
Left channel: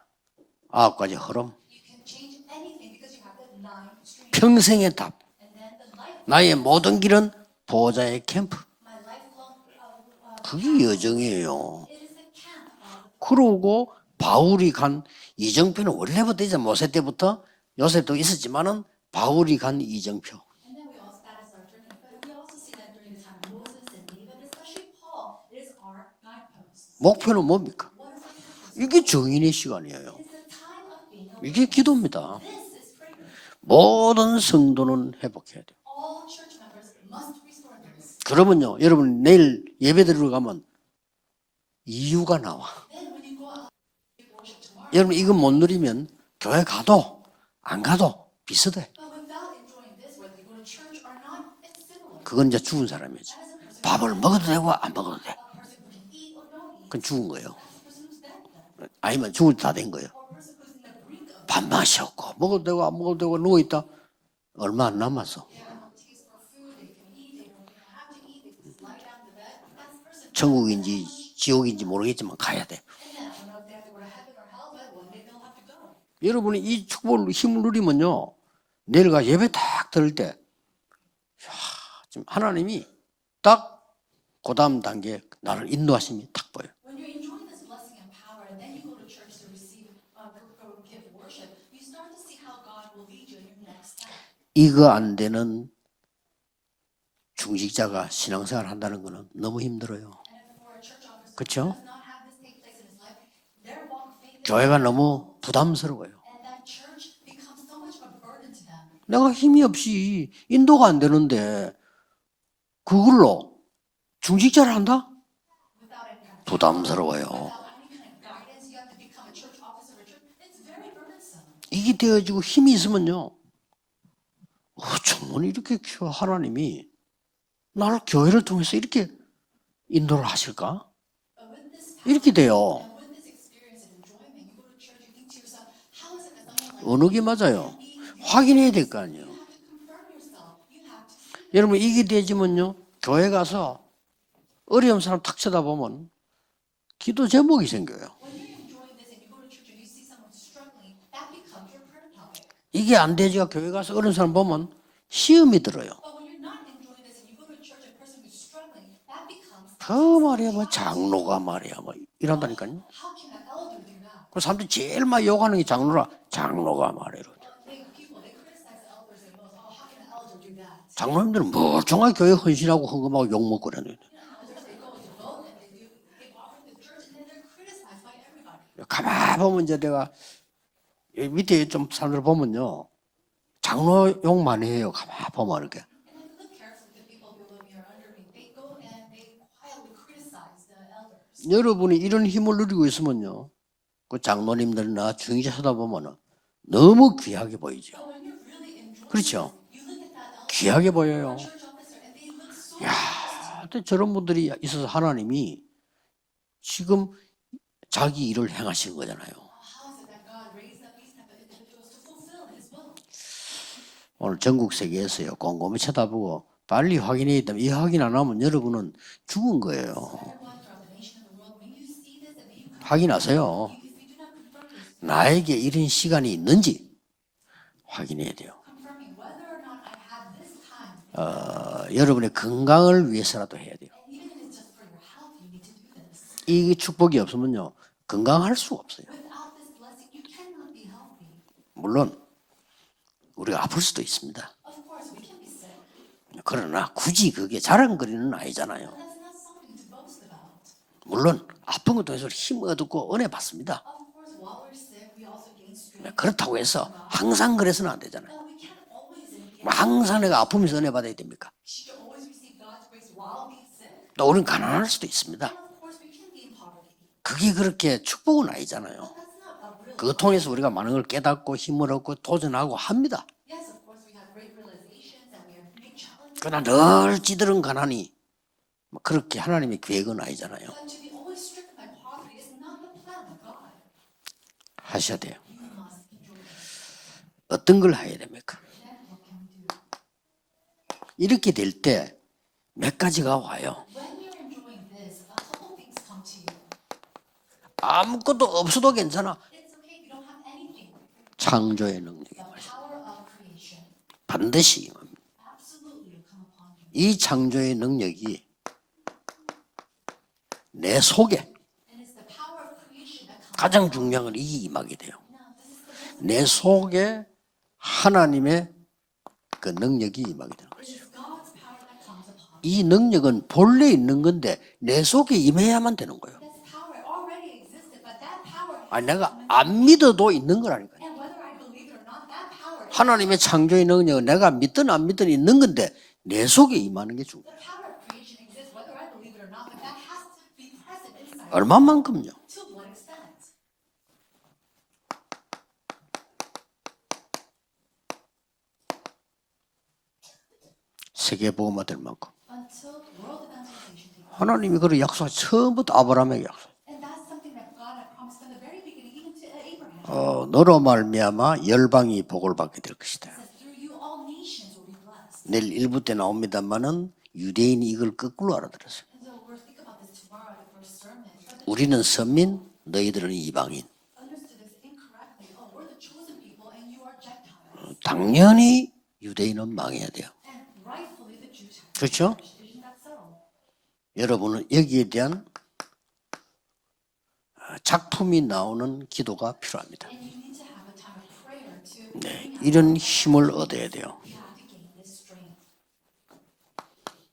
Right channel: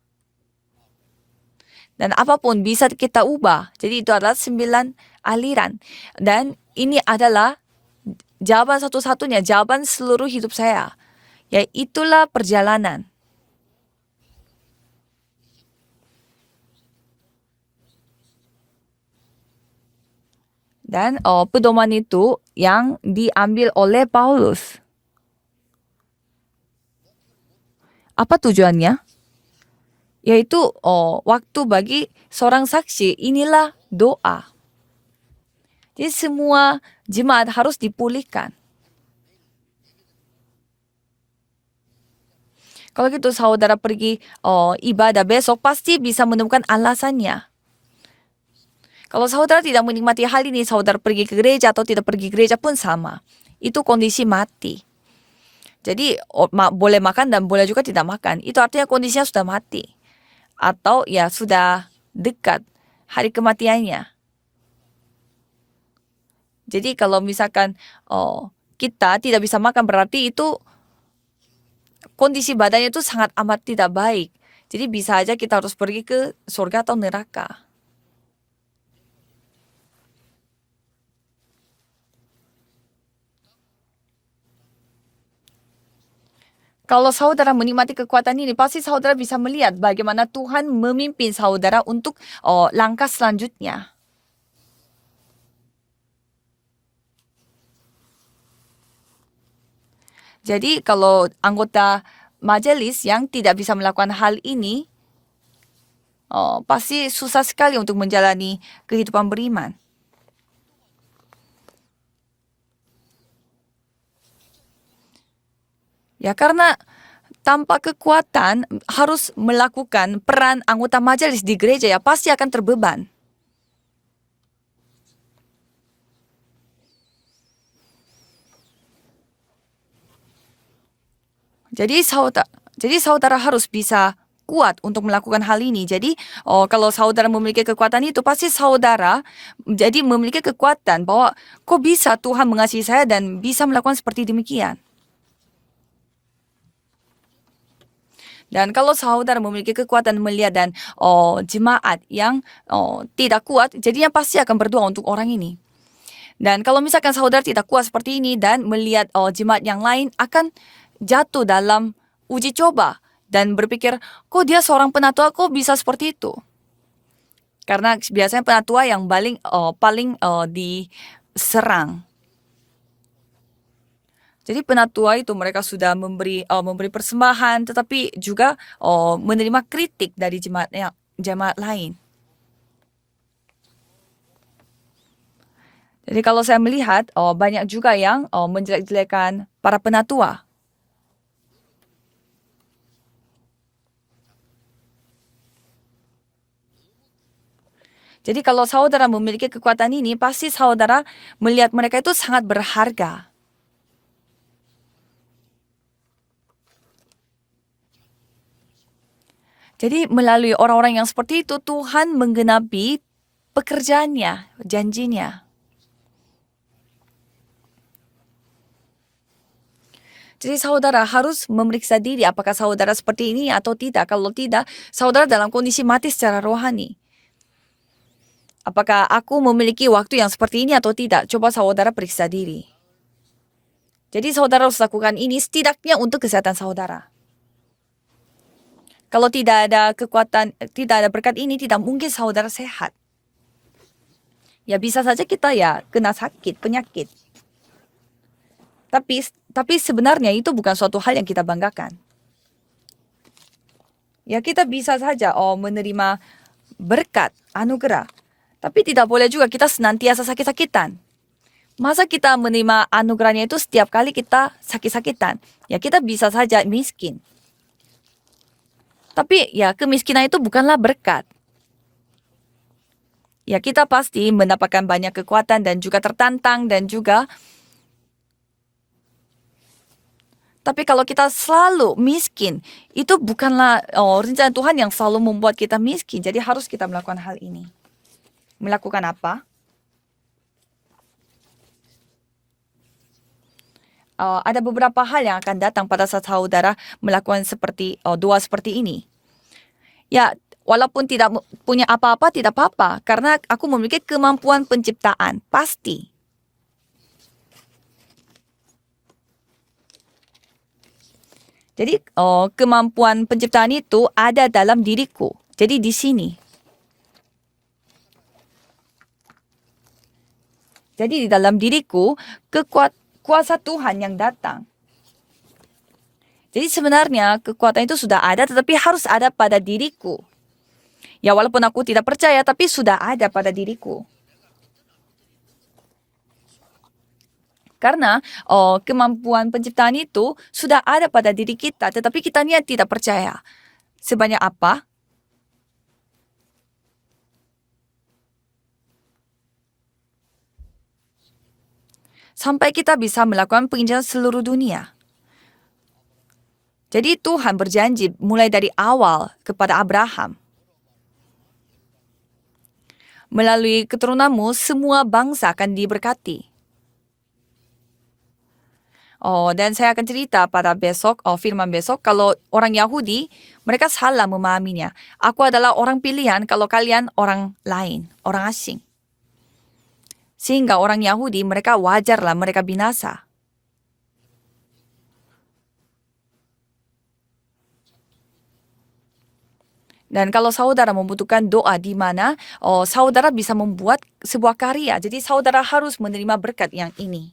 9가지 흐름. Dan apapun bisa kita ubah. Jadi itu adalah 9 평생의 답. aliran. 나의 Dan 모든 ini 길은 adalah 보호자의 캠프. jawaban satu-satunya, jawaban seluruh hidup 그게 saya. 여정이에요. Ya, itulah perjalanan. 그러고 바울이 간 이정표는 원래부터 이제 모세 때부터 요셉도 있었지만은 바울이 간 이정표. Dan pedoman itu yang diambil oleh Paulus. 목표는 뭡니까? Apa tujuannya? 이게 정인의 시간이에요. Yaitu waktu 이게 bagi 기도입니다. seorang saksi. Inilah 모든 doa. 성도는 회복해야 돼요. Jadi semua jemaat harus dipulihkan. 그러면요, 여러분 내일 예배 드리러 가면 이유가 나와. Kalau gitu saudara pergi ibadah 이거 besok 못 pasti 누리면 bisa menemukan 교회 가도 alasannya. 안 가도 비슷해. Kalau saudara tidak menikmati hal ini, saudara pergi ke gereja atau tidak pergi ke gereja pun sama. Itu kondisi 밥을 mati. 먹어도 되고 안 먹어도 돼. Jadi boleh makan dan boleh juga tidak makan. Itu artinya kondisinya 아니면 sudah 죽을 다 mati. 된 거예요. Atau ya sudah 마셨고, dekat 먹어도 되고 안 먹어도 hari 되고 kematiannya. 얼마 안 남았어. Jadi kalau misalkan kita tidak bisa makan berarti itu 천국인지 지옥인지 모르겠지만 kondisi 가야 돼. badannya itu sangat amat tidak baik. Jadi bisa aja kita harus pergi ke 여러분이 이 surga atau 축복을 neraka. 힘을 누리면요, 내일가 예배 딱 들을 때, 야, 지금 하나님이 딱 그다음 단계 나를 인도하심이 딱 보여. Kalau saudara menikmati kekuatan ini, pasti saudara bisa melihat bagaimana Tuhan memimpin saudara untuk langkah selanjutnya. 이거 안 되는 중직자가 신앙생활 한다는 거는 너무 힘들어요. Jadi kalau 그쵸? anggota majelis yang tidak bisa melakukan hal 교회가 ini, 너무 부담스러워요. pasti susah sekali untuk menjalani kehidupan 내가 힘이 beriman. 없이 인도가 안 되는데 그걸로 중직자를 한다? Ya karena 부담스러워요. tanpa kekuatan harus melakukan peran anggota majelis di gereja ya 이게 pasti 되어지고 akan 힘이 terbeban. 있으면요, 정말 이렇게 하나님이 나를 교회를 통해서 이렇게 인도를 하실까? Jadi 이렇게 돼요. saudara harus bisa kuat untuk melakukan hal ini. Jadi kalau Menurut saudara 맞아요. memiliki kekuatan itu, pasti 확인해야 될 거 saudara 아니에요. jadi memiliki kekuatan bahwa 여러분 kok 이게 bisa Tuhan 되지만요. mengasihi saya 교회 dan bisa 가서 melakukan seperti demikian. 어려운 사람 탁 쳐다보면 기도 제목이 생겨요. Dan kalau saudara memiliki kekuatan melihat dan jemaat yang 이게 안 되니까 tidak kuat, 교회 가서 jadinya 그런 pasti 사람 akan 보면 berdoa untuk orang ini. 시험이 들어요. Dan kalau misalkan saudara tidak kuat seperti ini dan melihat jemaat yang lain akan 말이야, 장로가 jatuh 말이야, dalam 이런 uji 말이죠. coba dan berpikir, kok dia seorang penatua kok bisa seperti itu? 장로가 말이야. Karena biasanya penatua yang paling 장로님들은 diserang. 정말 교회 헌신하고 헌금하고 욕먹고 그러는. Jadi penatua itu mereka sudah memberi persembahan, tetapi juga menerima 이제 kritik dari jemaat 밑에 좀 lain. 사람들 보면요, 장로 욕 많이 해요. 가만 보면 이렇게. Jadi kalau saya melihat banyak juga yang menjelek-jelekan para penatua. 여러분이 이런 힘을 누리고 있으면요, 그 장로님들이나 중위자 쳐다보면은 너무 귀하게 보이죠. Jadi kalau saudara memiliki kekuatan ini, pasti saudara melihat mereka itu sangat berharga. 근데 저런 분들이 있어서 하나님이 지금 자기 일을 행하신 거잖아요. Jadi melalui orang-orang yang seperti itu, Tuhan menggenapi pekerjaannya, 전국 janjinya. 세계에서 꼼꼼히 쳐다보고 빨리 확인해야 되면 이 확인 안 하면 여러분은 죽은 거예요. Jadi saudara harus memeriksa diri apakah saudara seperti ini 확인하세요. atau tidak. Kalau tidak, saudara dalam 나에게 kondisi 이런 mati 시간이 secara 있는지 rohani. 확인해야 돼요. Apakah aku memiliki waktu yang seperti ini atau tidak? Coba saudara periksa 여러분의 diri. 건강을 위해서라도 해야 돼요. Jadi saudara harus lakukan ini setidaknya untuk kesehatan 이 saudara. 축복이 없으면요, 건강할 수가 없어요. Kalau tidak ada kekuatan, tidak ada berkat ini, tidak 물론 mungkin saudara sehat. 우리가 아플 수도 있습니다. Ya bisa saja kita ya kena sakit, 그러나 penyakit. 굳이 그게 자랑거리는 아니잖아요. Tapi sebenarnya itu bukan suatu hal yang 물론 kita banggakan. 아픈 것도 해서 힘 얻고 은혜 받습니다. Ya kita bisa saja menerima 그렇다고 해서 berkat, 항상 그래서는 anugerah. 안 되잖아요. Tapi tidak boleh juga kita senantiasa 항상 내가 아픔에서 은혜 sakit-sakitan. 받아야 됩니까? Masa kita menerima anugerahnya itu setiap kali Ya, kita orang kanan sakit-sakitan? sedikit Ya kita bisa saja miskin. 그게 그렇게 축복은 아니잖아요. Tapi ya 그 kemiskinan itu 통해서 우리가 bukanlah 많은 걸 berkat. 깨닫고 힘을 얻고 도전하고 합니다. Ya kita pasti mendapatkan banyak kekuatan dan juga tertantang dan juga. 늘 찌들은 가난이 그렇게 하나님의 계획은 아니잖아요. Tapi kalau kita selalu miskin, itu bukanlah rencana Tuhan yang selalu membuat kita miskin. Jadi harus kita melakukan hal ini. 어떤 걸 해야 됩니까? Melakukan apa? 이렇게 될 때 몇 가지가 와요. Ada beberapa hal yang akan datang pada saat saudara melakukan seperti dua 아무것도 seperti 없어도 ini. 괜찮아. Ya, walaupun tidak punya 창조입니다. apa-apa tidak apa-apa, karena aku memiliki kemampuan 반드시. penciptaan. Pasti. 이 창조의 능력이 내 속에, Jadi kemampuan penciptaan 가장 itu 중요한 ada 이 dalam 이야기예요. diriku. Jadi di sini. 내 속에 하나님의 그 능력이 임하게 되는 거죠. Jadi di dalam diriku 이 능력은 kuasa 본래 Tuhan yang 있는 건데 datang. 내 속에 임해야만 되는 거예요. Jadi sebenarnya kekuatan itu sudah ada, tetapi harus 아니, ada pada 안 diriku. 믿어도 있는 거라니까요. Ya walaupun aku tidak percaya, tapi sudah ada 하나님의 pada 창조의 diriku. 능력은 내가 믿든 안 믿든 있는 건데 내 속에 임하는 게 중요해요. Karena kemampuan penciptaan itu sudah ada pada diri kita, 얼마만큼? tetapi kitanya tidak percaya. Sebanyak apa? 세계 복음화 될 만큼. Sampai kita bisa melakukan penginjilan seluruh 하나님이 dunia. 그를 약속 처음부터 아브라함에게 약속. Jadi Tuhan berjanji mulai dari awal kepada Abraham. 너로 말미암아 열방이 복을 받게 될 것이다. Melalui keturunanmu semua bangsa akan 내일 1부 때 diberkati. 나옵니다만은 유대인이 이걸 거꾸로 알아들었어요. Dan saya akan cerita pada besok, firman besok, 우리는 kalau 선민, orang Yahudi, 너희들은 이방인. mereka salah memahaminya. Aku adalah orang pilihan, kalau kalian orang lain, orang asing. 당연히 유대인은 망해야 돼요. Sehingga orang Yahudi, mereka wajarlah 그렇죠? mereka binasa. 여러분은 여기에 대한 작품이 나오는 기도가 필요합니다. Dan kalau saudara membutuhkan doa di mana 이런 saudara 힘을 bisa 얻어야 membuat 돼요. sebuah karya. Jadi saudara harus menerima berkat yang ini.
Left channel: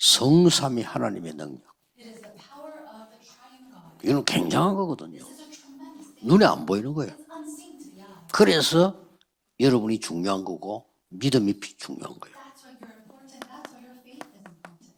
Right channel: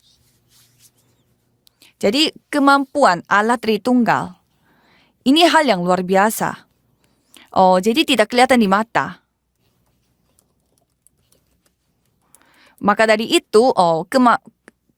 성삼위 하나님의 능력. Jadi kemampuan Allah 이거 Tritunggal. 굉장한 거거든요. Ini hal yang luar 눈에 biasa. 안 보이는 거예요. Jadi tidak kelihatan di 그래서 mata. 여러분이 중요한 거고 믿음이 중요한 거예요. Maka dari itu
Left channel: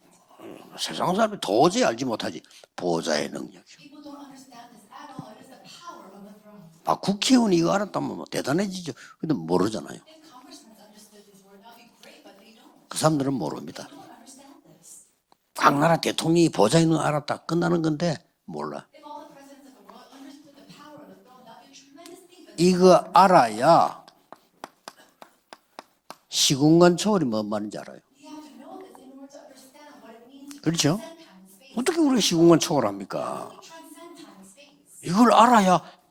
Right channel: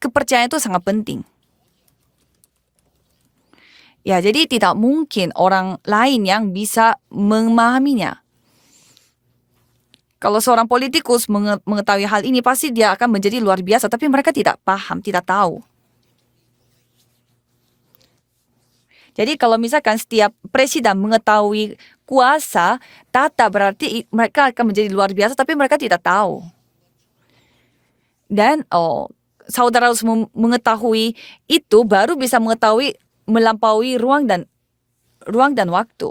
kepercayaan itu sangat 세상 penting. 사람이 도저히 알지 못하지. 보좌의 능력. Ya, jadi tidak mungkin orang lain yang bisa 국회의원이 memahaminya. 알았다고 대단해지죠. 근데 모르잖아요. Kalau seorang politikus mengetahui hal ini, pasti dia akan menjadi luar biasa. Tapi mereka tidak paham, tidak tahu. 각 나라 대통령이 보좌 있는 거 알았다. 끝나는 건데 몰라. Jadi kalau misalkan setiap presiden mengetahui kuasa, 이거 tata 알아야 berarti mereka akan menjadi luar biasa, tapi mereka tidak tahu. 시공간 초월이 뭔 말인지 알아요. Dan saudara harus mengetahui itu 어떻게 baru 우리 bisa 시공간 mengetahui 초월합니까? melampaui ruang dan 이걸 waktu.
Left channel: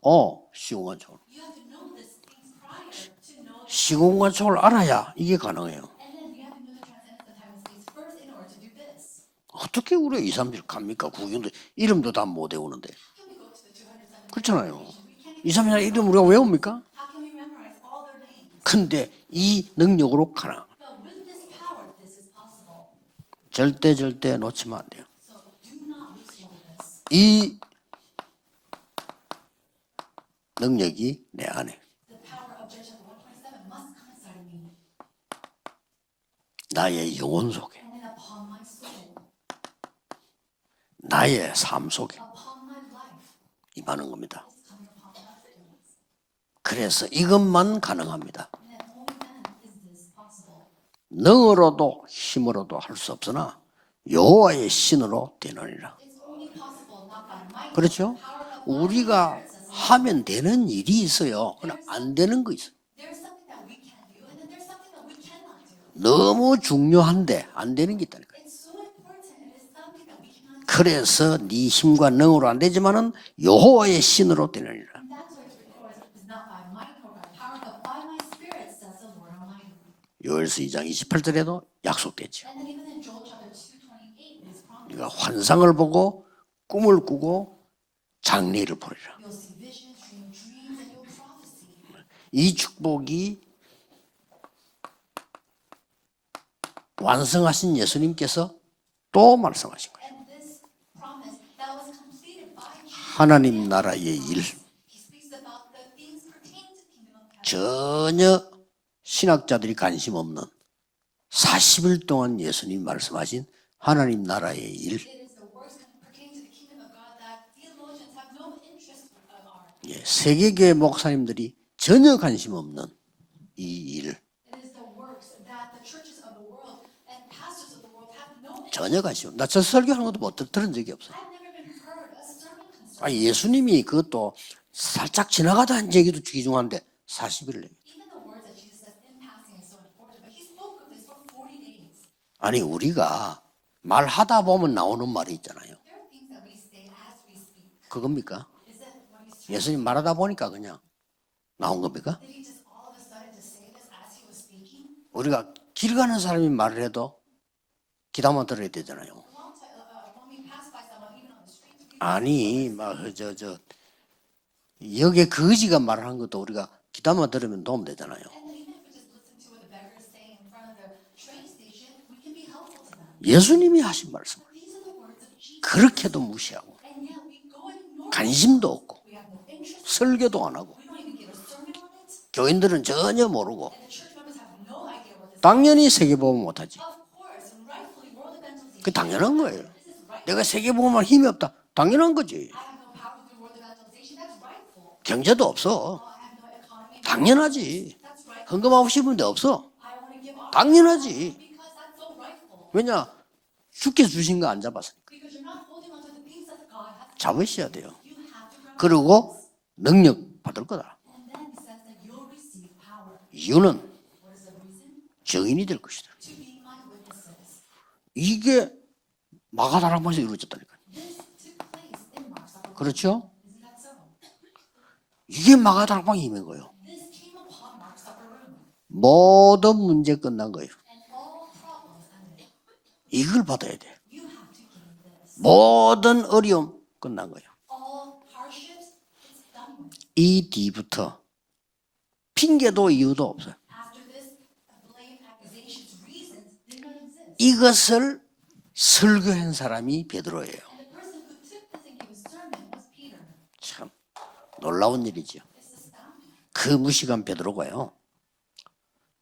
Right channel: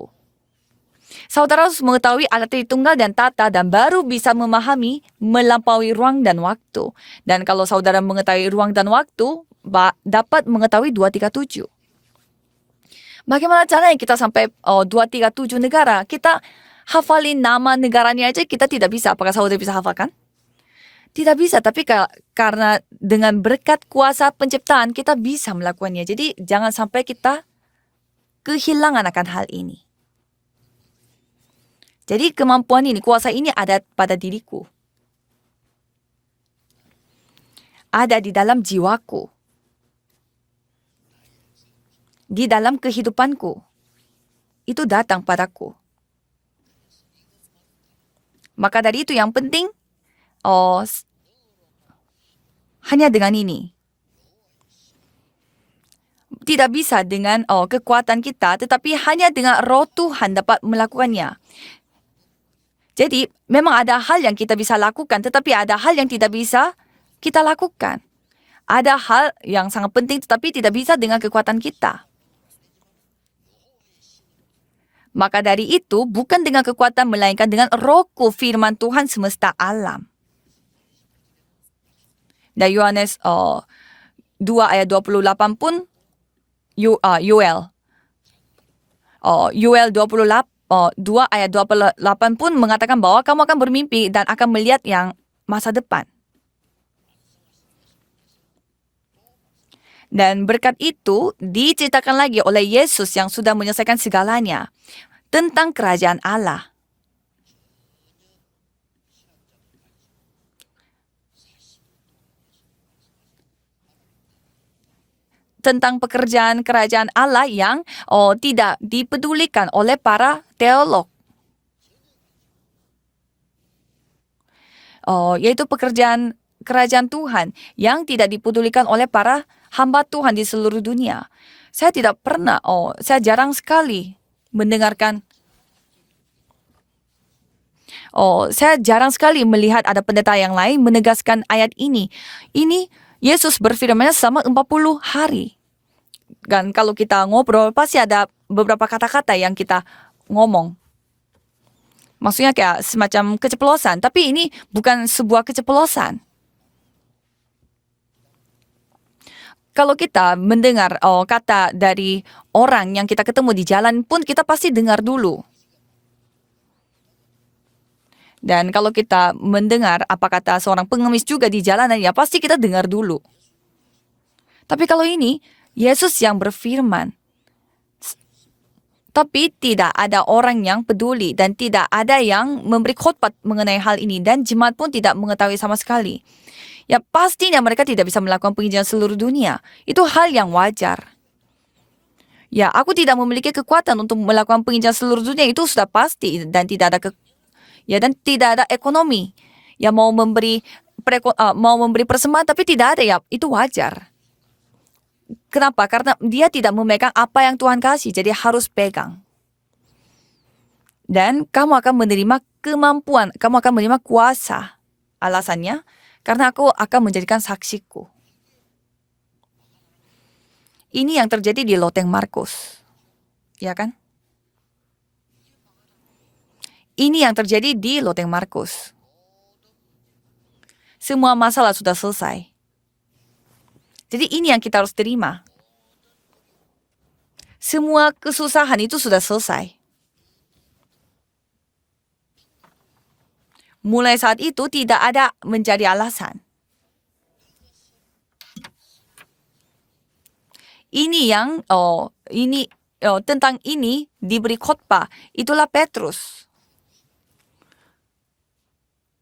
시공간 초월. Saudara harus mengetahui alat tunggal dan tata dan baru 시공간 bisa 초월 memahami 알아야 이게 melampaui ruang dan waktu. Dan kalau saudara mengetahui ruang dan waktu, 어떻게 우리 dapat mengetahui 237. 이름도 다 못 외우는데. Bagaimana caranya kita sampai 그렇잖아요. 237 이상하게 negara? 이름 우리가 Kita 외웁니까? hafalin nama negaranya aja kita tidak 근데 bisa. Apakah saudara 이 bisa hafalkan? 능력으로 가나. Tidak bisa, tapi karena dengan berkat 절대 kuasa 놓지 penciptaan kita bisa melakukannya. Jadi jangan sampai kita 이 kehilangan akan hal ini. 능력이 내 안에. Jadi kemampuan ini, kuasa ini ada pada diriku, 나의 영혼 속에. ada di dalam jiwaku, 나의 삶 속에 di dalam kehidupanku. 임하는 겁니다. Itu datang padaku. 그래서 이것만 가능합니다. Maka dari itu yang penting, 능으로도 힘으로도 할 hanya 수 dengan 없으나 ini. 여호와의 신으로 되느니라. Tidak bisa dengan kekuatan kita, tetapi hanya dengan roh Tuhan dapat melakukannya. 안 되는 거 있어요. Jadi memang ada hal yang kita bisa lakukan, tetapi ada hal yang tidak 너무 bisa 중요한데 kita 안 되는 lakukan. 게 있다니까. Ada hal yang sangat penting, tetapi tidak bisa dengan 그래서 kekuatan 이 kita. 힘과 능으로 안 되지만은 여호와의 신으로 되느니라. Maka dari itu bukan dengan kekuatan melainkan dengan rohku firman Tuhan semesta alam. 요엘서 2장 28절에도 약속됐죠. Dan Yohanes 2 ayat 28 환상을 pun 보고 꿈을 보고 Yoel 장래를 보리라. Yoel 2 ayat 28 pun 이 mengatakan bahwa 축복이 kamu akan bermimpi dan akan melihat yang masa depan. 완성하신 예수님께서 또 말씀하신 거예요. Dan berkat itu diceritakan lagi oleh Yesus yang 하나님 sudah menyelesaikan 나라의 segalanya tentang kerajaan Allah. 전혀 신학자들이 관심 없는 40일 동안 예수님 말씀하신 하나님 나라의 일. Tentang pekerjaan kerajaan Allah yang tidak dipedulikan oleh para 세계교회 teolog, 목사님들이 전혀 관심 없는 이 일. yaitu pekerjaan kerajaan Tuhan yang tidak dipedulikan oleh para hamba Tuhan di seluruh dunia. Saya tidak pernah, saya jarang sekali mendengarkan, 살짝 지나가다 한 얘기도 귀중한데 40일. saya jarang sekali melihat ada pendeta yang lain menegaskan ayat ini. 아니, Ini 우리가 Yesus berfirman selama 말하다 보면 40 나오는 hari. 말이잖아요. Dan kalau kita ngobrol, pasti ada 그러니까. beberapa kata-kata yang kita 예수님 말하다 보니까 ngomong. 그냥 나온 겁니까? Maksudnya kayak semacam keceplosan. Tapi ini bukan sebuah 기도하는 keceplosan. 사람이 말을 해도 기다만 들어야 되잖아요. Kalau kita mendengar kata dari 아니, orang yang kita ketemu di jalan pun kita pasti dengar 여기 dulu. 거지가 말하는 것도 우리가 기다만 들으면 도움 되잖아요. Dan kalau kita mendengar apa kata seorang pengemis juga di jalanan, ya pasti kita dengar dulu. 예수님이 하신 말씀. Tapi kalau ini, 그렇게도 Yesus yang 무시하고. berfirman. 관심도 없고. Tapi tidak ada 설교도 orang yang peduli dan tidak ada yang 교인들은 memberi 전혀 khotbah 모르고. mengenai hal ini. Dan jemaat pun tidak mengetahui sama 당연히 sekali. 세계보험 못하지. Ya pastinya mereka tidak bisa melakukan penginjilan seluruh 당연한 dunia. 거예요. Itu hal 내가 yang wajar. 세계보험할 힘이 없다. 당연한 거지. Ya, aku tidak memiliki kekuatan untuk melakukan penginjilan seluruh 경제도 dunia. Itu 없어. sudah pasti dan tidak ada 당연하지. ya dan tidak ada 그거 없이 ekonomi. 문제 없어. Ya mau memberi 당연하지. mau memberi persembahan tapi tidak ada, ya itu wajar. 주께 주신 거 안 잡았어. Kenapa? Karena dia tidak memegang apa yang Tuhan kasih, jadi harus pegang. 그리고 능력 받을 거다. Dan kamu akan menerima kemampuan, kamu akan 이유는 menerima kuasa. Alasannya, 증인이 될 것이다. karena aku akan menjadikan saksiku. 이게 마가다락방에서 이루어졌다니까. Ini yang terjadi di Loteng Markus, 그렇죠? ya kan? 이게 마가다락방이 임한 거예요. Ini yang terjadi di Loteng Markus. 모든 문제 끝난 거예요. Semua masalah sudah selesai. 이걸 받아야 돼. Jadi ini yang kita harus terima. 모든 어려움 끝난 거예요. Semua kesusahan itu sudah selesai. 이 뒤부터 핑계도 이유도 없어요. Mulai saat itu tidak ada menjadi alasan. 이것을 설교한 사람이 베드로예요. Ini yang tentang ini diberi khotbah. 올라온 일이지. Itulah Petrus. 그 무식한 베드로가요.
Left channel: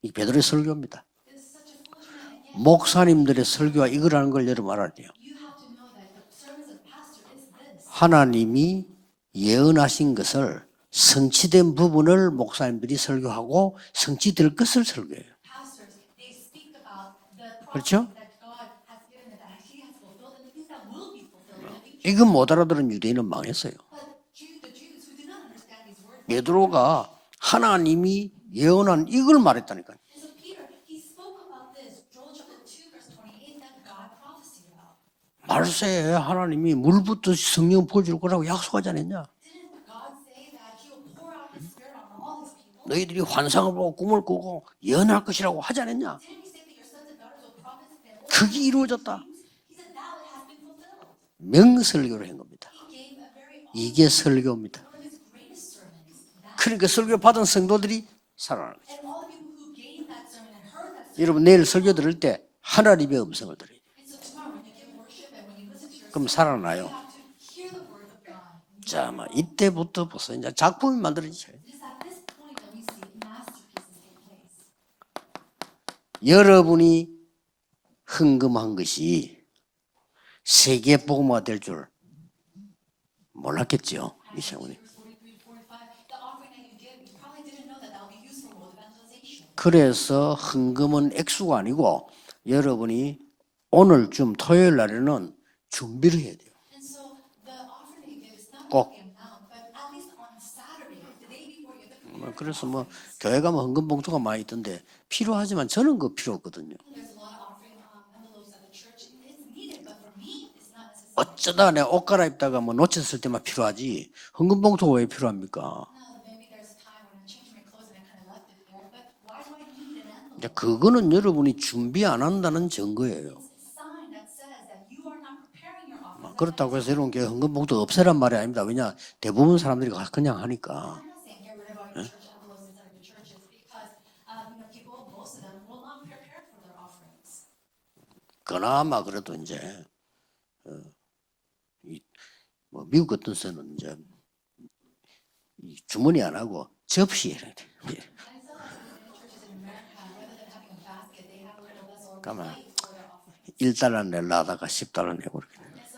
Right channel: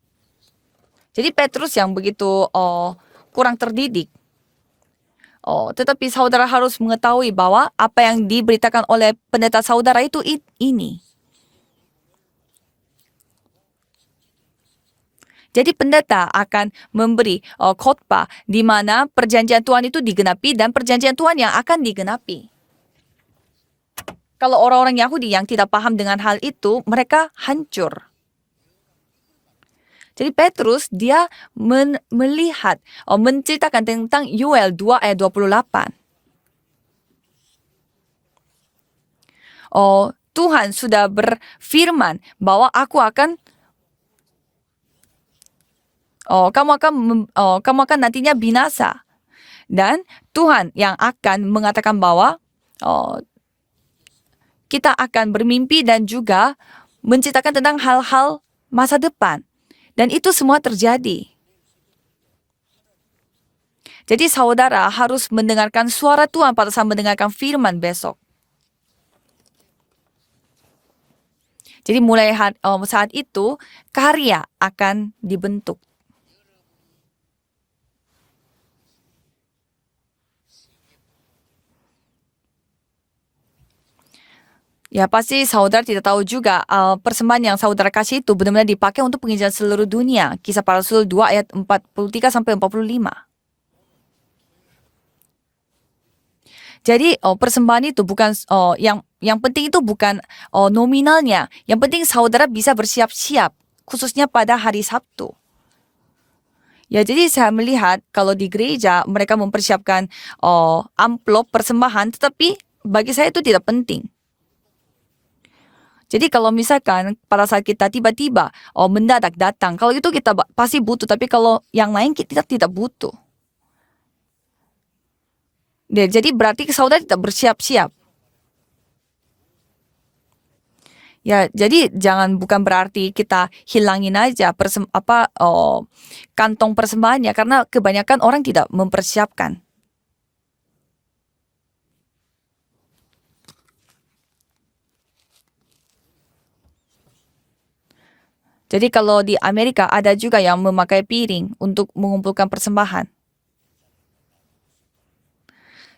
이 베드로의 설교입니다. Jadi Petrus yang begitu 목사님들의 kurang 설교가 terdidik. 이거라는 걸 여러분 알아야 돼요. Tetapi saudara harus mengetahui bahwa apa yang 하나님이 diberitakan oleh pendeta saudara 예언하신 itu 것을 ini. 성취된 부분을 목사님들이 설교하고 성취될 것을 설교해요. Jadi pendeta akan memberi 그렇죠? khotbah di mana perjanjian Tuhan itu digenapi dan perjanjian Tuhan yang akan 이거 digenapi. 못 알아들은 유대인은 망했어요. Kalau orang-orang Yahudi yang tidak paham dengan hal itu, 베드로가 mereka hancur. 하나님이 예언한 이걸 말했다니까요. Jadi Petrus dia melihat, menceritakan tentang Yoel 2 ayat 28. 발세에 하나님이 물부터 성령 보여줄 거라고 약속하지 않았냐? Tuhan sudah berfirman bahwa aku 너희들이 akan 환상을 보고 꿈을 꾸고 예언할 것이라고 하지 않았냐? kamu akan nantinya 그게 binasa. 이루어졌다. Dan Tuhan yang akan mengatakan bahwa 이게 설교입니다. kita akan bermimpi dan juga 그러니까 설교 받은 menceritakan tentang 성도들이 hal-hal 살아나. masa depan. Dan itu semua terjadi. 여러분 내일 설교 들을 때 하나님의 음성을 들어요. Jadi saudara harus mendengarkan suara 그럼 Tuhan pada 살아나요. saat mendengarkan firman besok. 자, 이때부터 벌써 이제 작품이 만들어지죠. Jadi mulai saat itu karya akan dibentuk. 여러분이 헌금한 것이 세계 복음화 될 줄 몰랐겠죠, 미샤오님. Ya pasti saudara tidak tahu juga persembahan yang saudara kasih itu benar-benar dipakai untuk penginjilan seluruh 그래서 dunia. Kisah para Rasul 2 ayat 헌금은 액수가 43 sampai 여러분이 45. 오늘쯤 토요일 날에는 준비를 해야 돼요. Jadi persembahan itu bukan yang penting itu bukan nominalnya. Yang penting saudara bisa bersiap-siap khususnya pada hari Sabtu. 필요하지만 저는 그 필요 없거든요. Ya jadi saya melihat kalau di gereja mereka mempersiapkan amplop persembahan, tetapi bagi saya itu tidak penting. 헌금 봉투가 왜 필요합니까? Jadi kalau misalkan pada saat kita tiba-tiba mendadak datang, kalau itu kita pasti butuh, tapi kalau yang lain kita tidak butuh. Jadi berarti saudara tidak bersiap-siap. 없애란 말이 아닙니다. 왜냐 대부분 사람들이 그냥 하니까. Ya, jadi bukan berarti kita hilangin aja kantong persembahannya karena kebanyakan orang tidak mempersiapkan. 뭐 미국 같은 데는 이제 주머니 안 하고 접시에 해야 돼. Jadi kalau di Amerika ada juga yang memakai piring untuk mengumpulkan persembahan. $1 내려다가 $10 내고.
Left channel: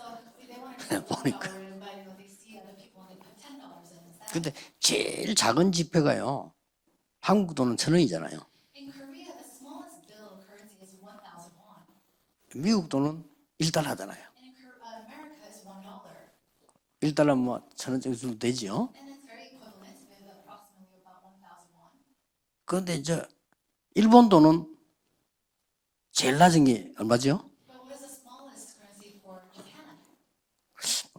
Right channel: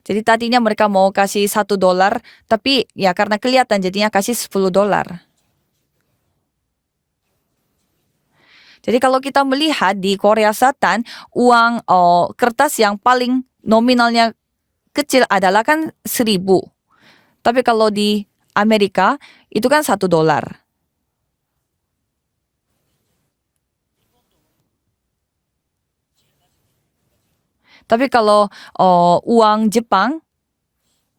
Jadi tadinya mereka mau kasih $1, tapi ya karena kelihatan jadinya kasih $10. 제일 작은 지폐가요. 한국 돈은 1,000원이잖아요. Jadi kalau kita melihat di Korea Selatan, uang kertas yang paling nominalnya kecil adalah kan 1.000. Tapi kalau di Amerika itu kan $1. 그런데 이제 일본 돈은 제일 낮은 게 얼마죠? Tapi kalau uang Jepang,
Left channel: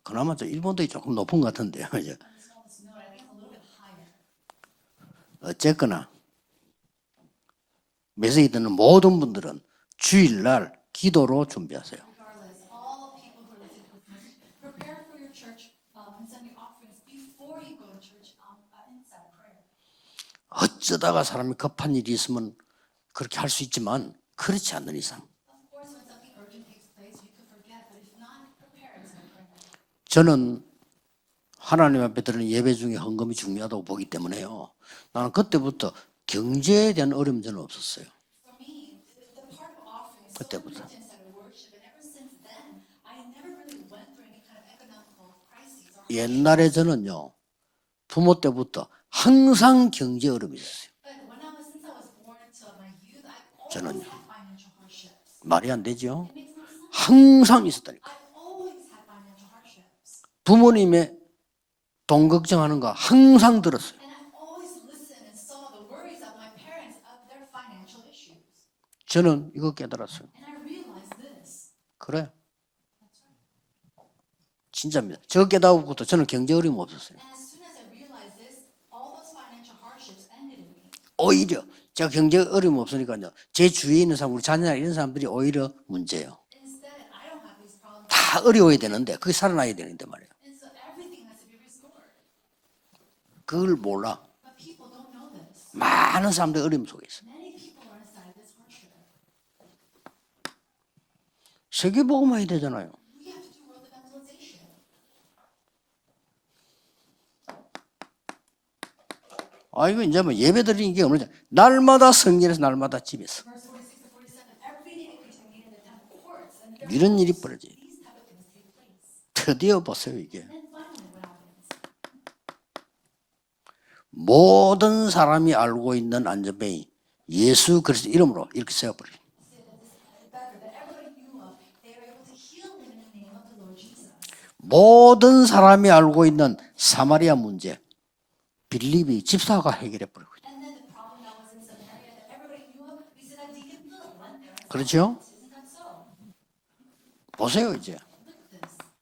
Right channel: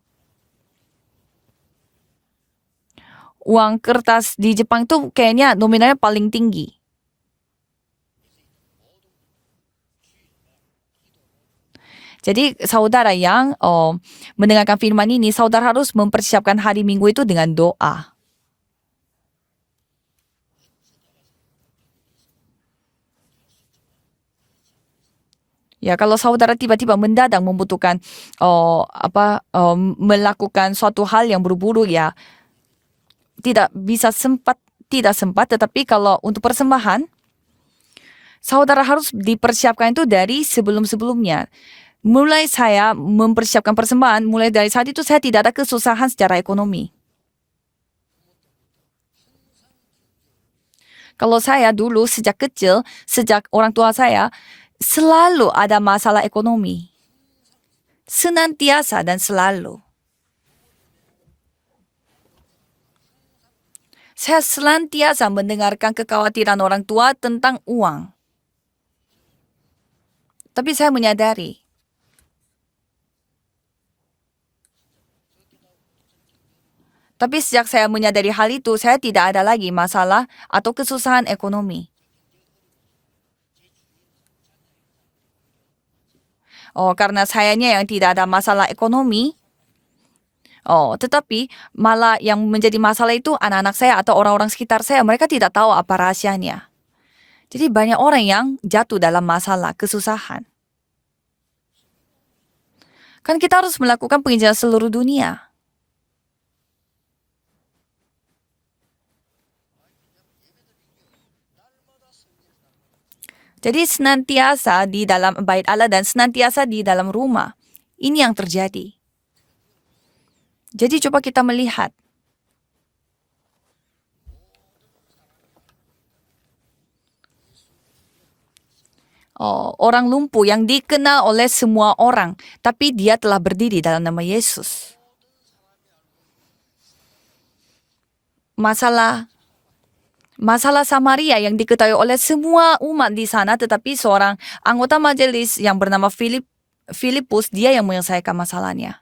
그나마 저 일본 돈이 조금 높은 것 같은데요. uang kertas di Jepang itu kayaknya nominalnya paling tinggi. 메시지 듣는 모든 분들은 주일날 기도로 준비하세요. Jadi saudara yang mendengarkan firman ini, saudara harus mempersiapkan hari Minggu itu dengan doa. 어쩌다가 사람이 급한 일이 있으면 그렇게 할 수 있지만 그렇지 않는 이상. Ya, kalau saudara tiba-tiba mendadak membutuhkan melakukan suatu hal yang buru-buru 하나님 ya, 앞에 드리는 예배 중에 헌금이 tidak 중요하다고 bisa 보기 때문에요. tidak sempat, tetapi kalau untuk 경제에 persembahan, 대한 어려움 저는 없었어요. saudara harus dipersiapkan itu dari sebelum-sebelumnya. Mulai saya mempersiapkan persembahan, mulai dari saat itu saya tidak ada kesusahan secara 옛날에 ekonomi. 저는요 부모 때부터 항상 경제 어려움이 있었어요. Kalau saya dulu sejak kecil, sejak orang tua saya, selalu ada masalah ekonomi. 항상 있었다니까. Senantiasa dan selalu. 부모님의 돈 걱정하는 거 항상 들었어요. Saya senantiasa mendengarkan kekhawatiran orang tua tentang uang. 저는 이거 깨달았어요. Tapi saya menyadari, 그래. 진짜입니다. 저 깨달고부터 저는 경제 어려움 없었어요. tapi sejak saya menyadari hal itu, saya tidak ada lagi masalah atau kesusahan 오히려 ekonomi. 제가 경제 어려움 없으니까요. 제 주위에 있는 사람, 우리 자녀나 이런 사람들이 오히려 문제예요. Karena sayanya yang tidak ada 다 masalah 어려워야 되는데 ekonomi, 그게 살아나야 되는데 말이에요. tetapi malah yang menjadi masalah itu anak-anak saya atau orang-orang sekitar saya, mereka tidak tahu apa 많은 rahasianya. 사람들이 어려움 속에 있어요. Jadi banyak orang yang jatuh dalam masalah, kesusahan. 세계 복음화해야 되잖아요. Kan kita harus melakukan penginjilan seluruh dunia. 이거 이제 뭐 예배 드리는 게 없는 날마다 성전에서 날마다 집에서. Jadi senantiasa di dalam bait Allah dan senantiasa di dalam 이런 일이 rumah. 벌어져요. Ini yang terjadi. 드디어 보세요 이게. Jadi coba kita melihat. 모든 사람이 알고 있는 안전뱅이 예수 그리스도 이름으로 이렇게 세워버려요. Orang lumpuh yang dikenal oleh semua orang, tapi dia telah berdiri dalam nama Yesus. 모든 사람이 알고 있는 사마리아 문제 Masalah 집사가 해결해 버리고. Masalah Samaria yang diketahui oleh semua umat di sana, tetapi seorang anggota Kecil. majelis yang bernama Filipus, Kecil. dia yang menyelesaikan masalahnya.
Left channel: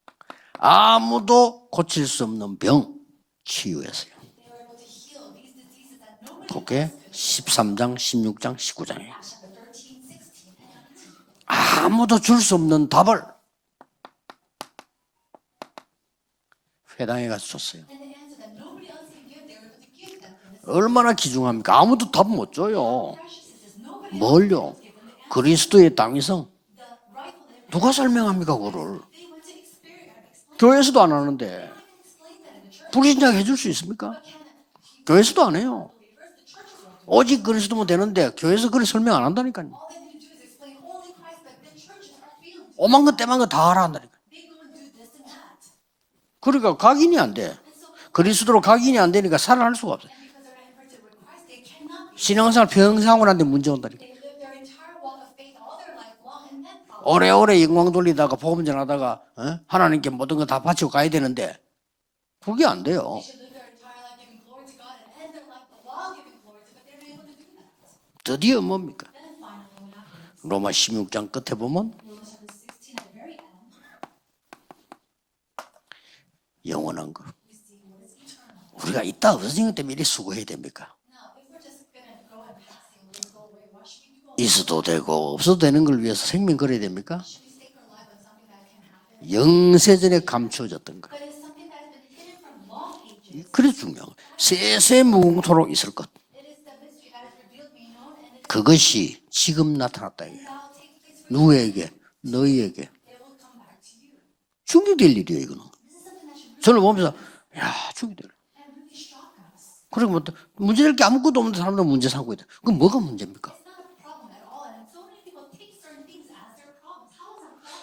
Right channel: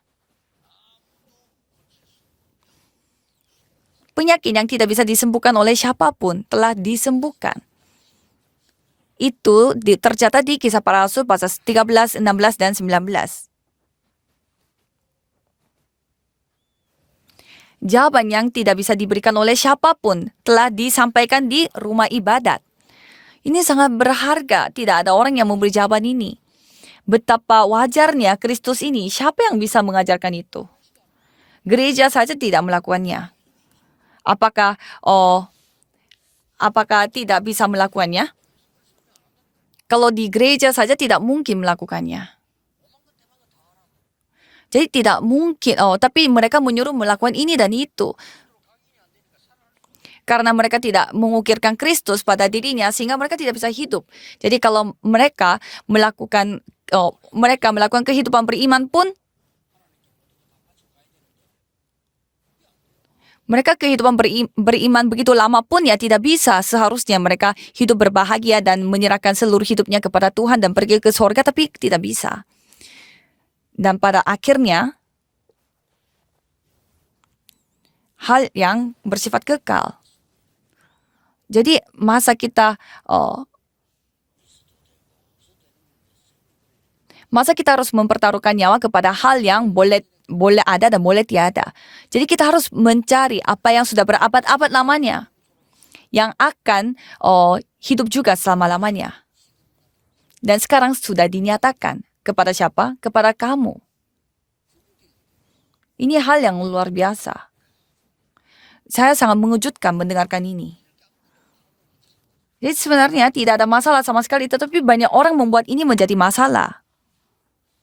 아무도 고칠 수 없는 병 치유했어요. Penyakit yang tidak bisa disembuhkan oleh siapapun telah 그게 disembuhkan. 13장, 16장, 19장이에요. Itu tercatat di Kisah Para Rasul pasal 13, 16, dan 19. 회당에 가서 줬어요. Jawaban yang tidak bisa diberikan oleh siapapun telah 얼마나 disampaikan di 귀중합니까? rumah 아무도 답 못 ibadat. 줘요. Ini sangat berharga. 뭘요? Tidak ada orang yang memberi 그리스도의 jawaban ini. 땅에서 Betapa wajarnya 설명한다고 Kristus 그러고. ini. Siapa yang bisa mengajarkan itu? 교회에서도 안 하는데 Gereja saja tidak melakukannya. 부인장 해줄 수 있습니까? Apakah 교회에서도 안 해요. 오직 tidak bisa 그리스도가 melakukannya? 되는데 교회에서 그걸 설명 안 한다니까요. Kalau di gereja saja tidak mungkin melakukannya. 오만 것 때만 것 다 하라 한다니까. Jadi tidak mungkin. Tapi mereka 그러니까 menyuruh 각인이 melakukan 안 돼. ini dan itu. 그리스도로 각인이 안 되니까 살아날 수가 없어요. Karena mereka tidak mengukirkan Kristus pada 신앙생활 dirinya sehingga mereka 평생하는데 tidak bisa 문제가 hidup. Jadi kalau mereka melakukan 오래오래 mereka 입만 melakukan 걸리다가 kehidupan 복음 beriman pun 전하다가, 하나님께 모든 거 다 바치고 가야 되는데 그게 안 돼요. mereka kehidupan beriman begitu lama pun ya tidak bisa. Seharusnya mereka hidup berbahagia dan menyerahkan seluruh hidupnya kepada Tuhan dan pergi ke surga, tapi tidak bisa. Dan pada akhirnya 영원한 거. hal yang 우리가 이 bersifat 땅을 kekal. 미리 수고해야 됩니까? Jadi masa kita 있어도 되고 없어도 되는 걸 위해서 생명 걸어야 됩니까? harus mempertaruhkan nyawa kepada hal yang boleh 영세전의 감출. boleh ada dan boleh tiada. Jadi kita harus mencari apa yang sudah berabad-abad namanya, 무궁토록 있을 것. yang akan hidup juga 그것이 selama-lamanya. 지금 나타났다. 이게. Dan sekarang sudah dinyatakan. Kepada 너희에게. siapa? Kepada kamu. 중요될 일이에요, 이거는. Ini hal yang 저는 luar 보면 biasa. 야, 중요될. Saya sangat mengejutkan 그리고 mendengarkan ini. 문제될 게 아무것도 없는 사람들 문제 삼고 있다. Jadi sebenarnya tidak ada masalah sama sekali, tetapi banyak orang membuat ini menjadi masalah.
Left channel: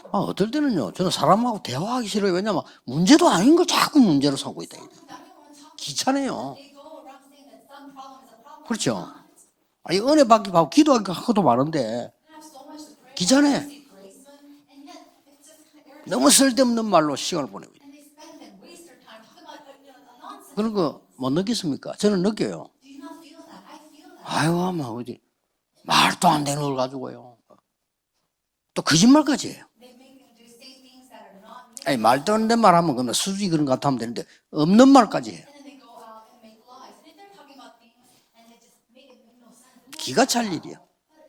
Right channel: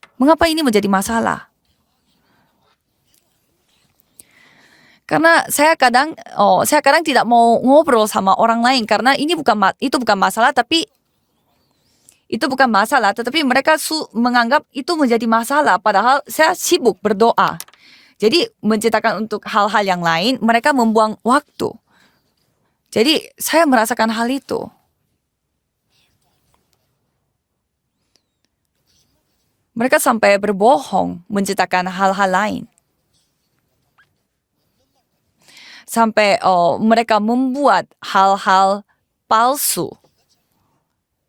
Mengapa ini menjadi masalah? 사람하고 대화하기 싫어요. 왜냐면 문제도 아닌 걸 자꾸 문제로 삼고 있다. Karena saya kadang tidak mau ngobrol sama orang lain 그렇죠. karena ini bukan masalah, tapi 기도하고도 많은데 itu bukan masalah, tetapi Bicara. mereka menganggap itu menjadi masalah, padahal 너무 saya 쓸데없는 sibuk 말로 berdoa. 시험을. Jadi menciptakan untuk hal-hal yang lain, mereka 그런 거 membuang 못 waktu. 느끼십니까? 저는 느껴요. Jadi saya merasakan hal itu. 아유, 막 어디 말도 안 되는 걸 가지고요. 또 거짓말까지 해요. Mereka sampai berbohong menciptakan 아니, hal-hal 말도 안 lain. 되는 말 하면 그러면 수지 그런 것 같으면 되는데 없는 말까지 해요. Sampai mereka membuat hal-hal palsu. 기가 찰 일이야.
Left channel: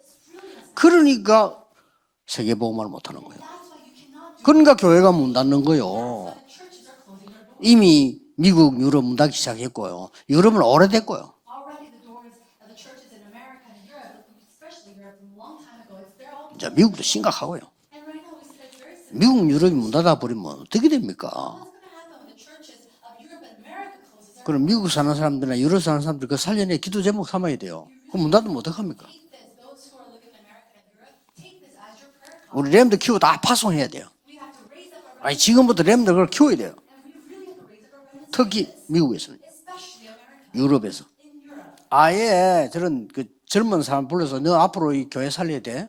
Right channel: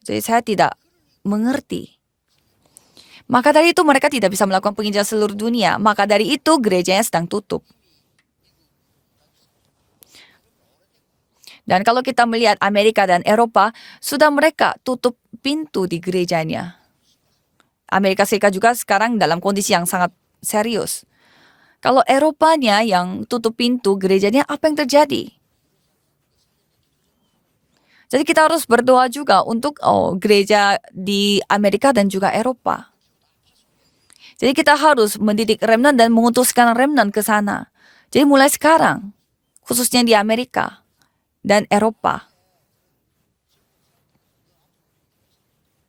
Jadi saya tidak 그러니까 mengerti. 세계복음을 못하는 거예요. Maka dari itu mereka tidak bisa 그러니까 melakukan penginjilan 교회가 seluruh 문 닫는 dunia. 거예요. Maka dari itu gerejanya sedang tutup. 이미 미국, 유럽 문 닫기 시작했고요. 유럽은 오래됐고요. Dan kalau kita melihat Amerika dan Eropa, sudah mereka tutup pintu di gerejanya. 자, 미국도 심각하고요. Amerika Serikat juga sekarang dalam 미국, kondisi 유럽이 yang 문 sangat 닫아버리면 어떻게 serius. 됩니까? Kalau Eropanya yang tutup pintu gerejanya, 그럼 apa yang 미국 사는 terjadi? 사람들이나 유럽 사는 사람들 그 살려내 기도 제목 삼아야 돼요. Jadi 문 kita 닫으면 harus 어떡합니까? berdoa juga untuk gereja di Amerika dan juga 우리 Eropa. 렘들 키우고 다 파송해야 돼요. Jadi kita harus mendidik 지금부터 remnant dan remnant mengutuskan kill remnant ke sana. Jadi mulai 특히 sekarang, 미국에서, khususnya di Amerika 유럽에서 dan Eropa. 아예 저런 그 젊은 사람 불러서 너 앞으로 이 교회 살려야 돼.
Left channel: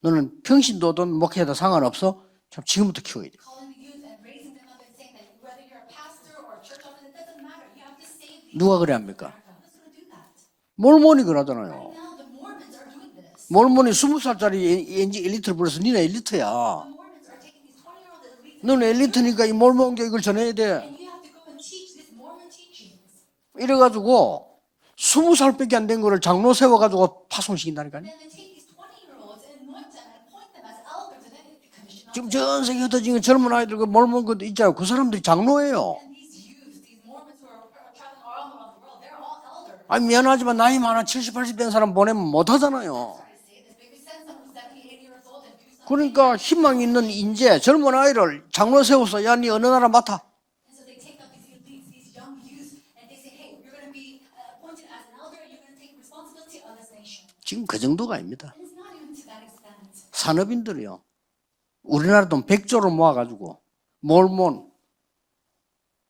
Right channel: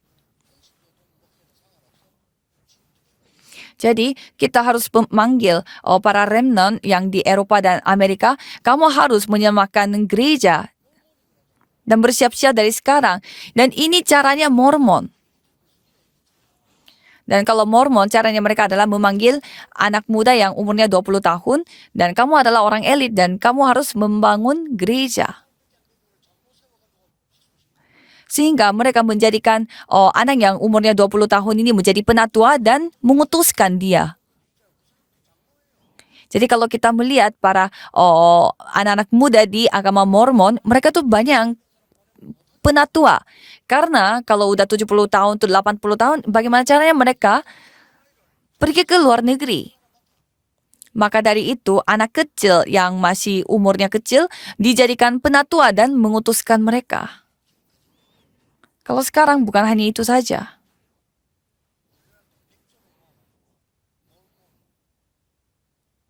너는 평신도든 목회도 상관없어. 참 지금부터 키워야 돼. Jadi kita harus memanggil para remnant yang di Eropa dan Amerika. Dua Kamu berapa? harus menyemakan gereja 몰몬이 그러잖아요. dan bersiap-siap dari sekarang. Dan ini caranya Mormon. 이제 엘리트를 불러서 니네 엘리트야. Dan kalau Mormon, caranya mereka adalah memanggil anak muda yang umurnya 20 tahun. Dan kamu adalah orang elit dan kamu harus 이래가지고 membangun gereja. 20살밖에 안 된 거를 장로 세워가지고 파송시킨다니까요. Sehingga mereka menjadikan anak yang umurnya 20 tahun ini menjadi penatua dan mengutuskan dia. 몰몬 있잖아요. 그 사람들이 장로예요. Jadi kalau kita melihat para anak-anak muda di agama 아니, Mormon, 미안하지만 나이 mereka tuh 많아 banyak 70, 80된 사람 보내면 못하잖아요. penatua. Karena kalau udah 70 tahun tuh 80 tahun, 그러니까 bagaimana 희망 caranya 있는 mereka? 이제 젊은 아이를 장로 pergi ke luar 세워서 야, 니 negeri. 어느 나라 맡아. Maka dari itu, anak kecil yang masih umurnya kecil dijadikan penatua dan mengutuskan mereka. 지금 그 정도가 아닙니다. Kalau sekarang bukan hanya itu saja. 산업인들이요. 우리나라 돈 100조를 모아가지고 몰몬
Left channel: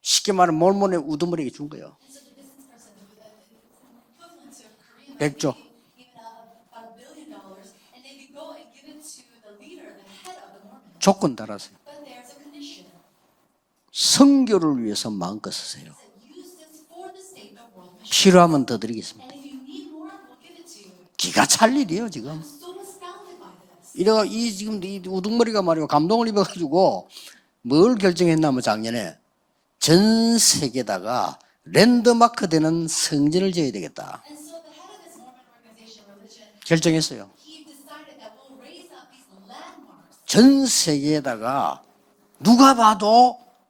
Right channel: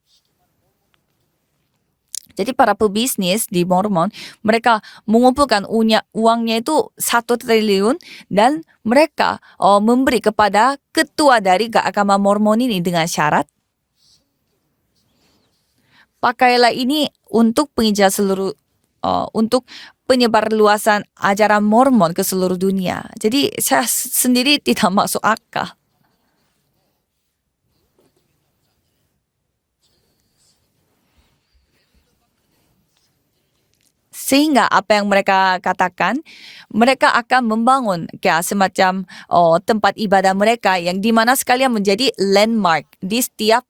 쉽게 말하면 몰몬의 우두머리에 준 거예요. Jadi para pebisnis di Mormon, mereka mengumpulkan uangnya itu 1 triliun dan mereka memberi kepada ketua dari agama Mormon ini dengan syarat, 성교를 위해서 마음껏 쓰세요. pakailah ini untuk penginjil seluruh, 필요하면 더 드리겠습니다. untuk penyebar luasan ajaran Mormon ke seluruh dunia. Jadi saya sendiri tidak masuk 우두머리가 akal. 말이야 감동을 입어가지고 뭘 결정했냐면 작년에 전 세계다가 랜드마크 되는 성전을 지어야 되겠다. Sehingga apa yang mereka katakan, mereka akan membangun kayak semacam tempat ibadah mereka yang dimana sekalian menjadi landmark di setiap